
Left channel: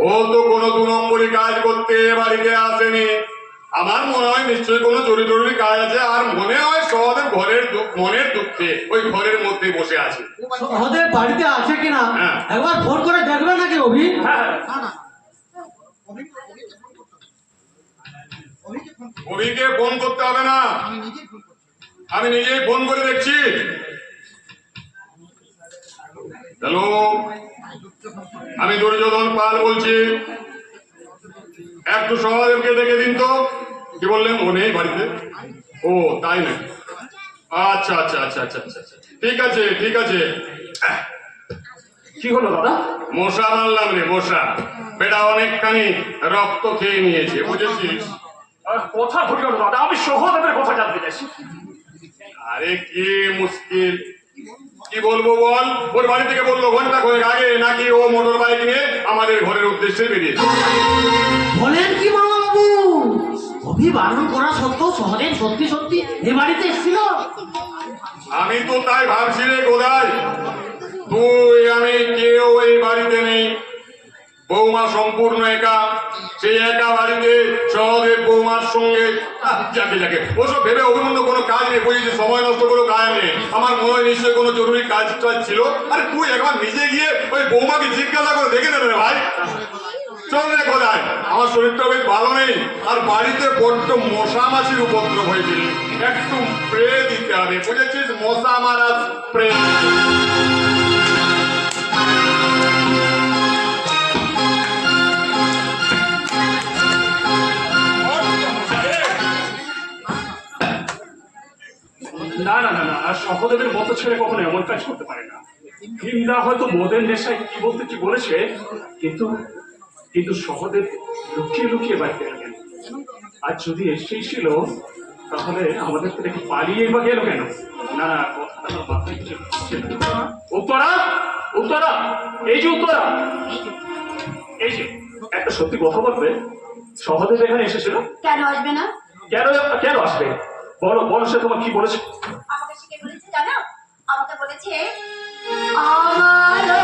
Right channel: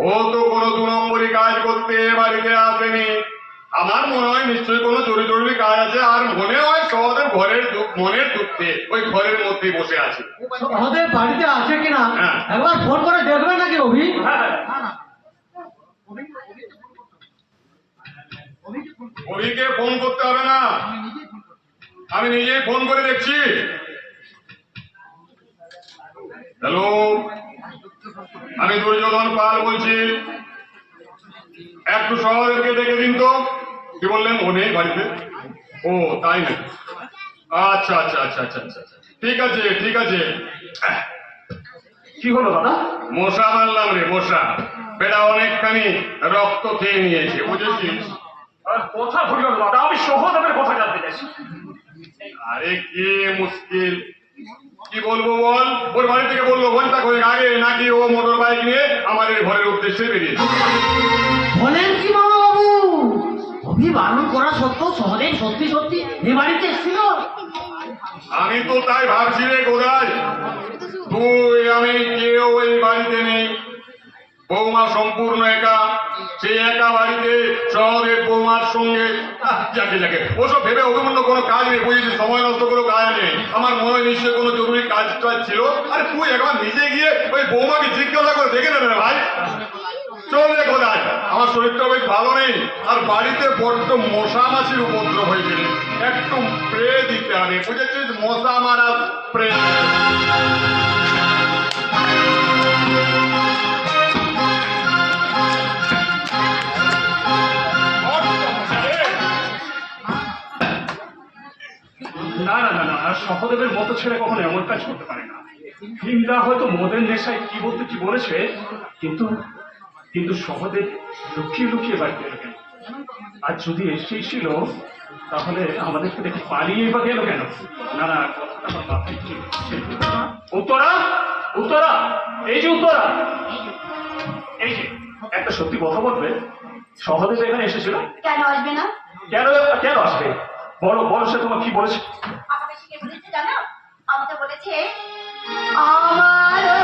ও তো কোনো 2 নম্বরই কাজ করতে বাড়িতে আসেনি। আমার মনে হয় নিশ্চয়ই কোনো জরুরি কাজ আছে। আর মনে হয় সহদেব মনের দুঃখে ওই ঘরের মধ্যেই বসে আছে। সহদেব বাড়িতে আছে কিনা হ্যাঁ। একবার ফোন করে দেখবে নাকি অভি? হ্যাঁ অভিকে ফোন করতে হবে না, আমি নিজেই ফোন করে দেখছি। হ্যালো, আমি দুর্যোধন পাল বলছি। একটু সহদেবকে দেখে দিন তো। কি বললেন? ও নেই বাড়িতে? ও তাই নাকি? আচ্ছা আচ্ছা আচ্ছা আচ্ছা আচ্ছা, ঠিক আছে ঠিক আছে। কি হলো দাদা? মশা মারলাম রে, মশা। বেটা অনেকখানি রক্ত খেয়ে নিয়েছে, বুঝেছিস? কথা ঘুরে গেল দাদা, আমি সহদেবের কথা জানতে চাইছি। আরে কি মুশকিল, কি বলবো বল? ওর বাড়ি থেকে বললো ঘন্টা কয়েক আগে নাকি ও মোটর বাইক নিয়ে আমাদের ঘরের উদ্দেশ্যে বেরিয়েছে। বলেন কি মামা বাবু? অভি বারণ করা সত্ত্বেও সহদেব সত্যি সত্যি এ বাড়িতে এসেছিল? আমি তো তাই ভাবছি রে গোদাই, তুই আমি কেউ এই বাড়িতে নেই, বৌমা সম্পূর্ণ একা। সেই একা বাড়িতে সহদেব বৌমার সঙ্গে যাকে যাকে ওসব ভেবে অভিমন্যু কোনো কাজ নেই, বুঝেছি? সময় নষ্ট করে কাজ নেই। আমার মনে হয় নিশ্চয়ই কোনো জরুরি কাজ ছিল। আরে তুই একবার নিজে গিয়ে ওই বৌমাকে জিজ্ঞাসা করে দেখে নেবে ভাই। চল রে কোথায়, আমার শরীরটা বেশ ভালো নেই, আর বাড়িতে বড্ড মশা মাছির উপদ্রব হয়েছে। একটু স্প্রে দিতে হবে, বুঝেছিস? মশা মারা স্প্রে। না না না না, সহদেবের মতো ছেলে কখনো এমন কাজ করতে পারে না। হিন্দা হয়তো মদের নেশায় কি বলতে কি বলেছে, কিন্তু কিন্তু সহদেব লুকিয়ে লুকিয়ে বাড়িতে গেল। আর যদি এসেই ছিল তাহলে আমাদের তো দেখি পালিয়ে বা গেল কেন? না না, কথাটা আমার মাথায় ঢুকছে। উত্তরা, উত্তরা, এই যে উত্তরা, এই যে একটা সত্যি কথা বলবে, সহদেব এখানে এসেছিল। কেন আসবে না? কেন কেন আসবে? বলো বলো, সে তোমার কি বলেছে? আমাকে সে কে বলেছে জানো? আমাকে বলেছে আমার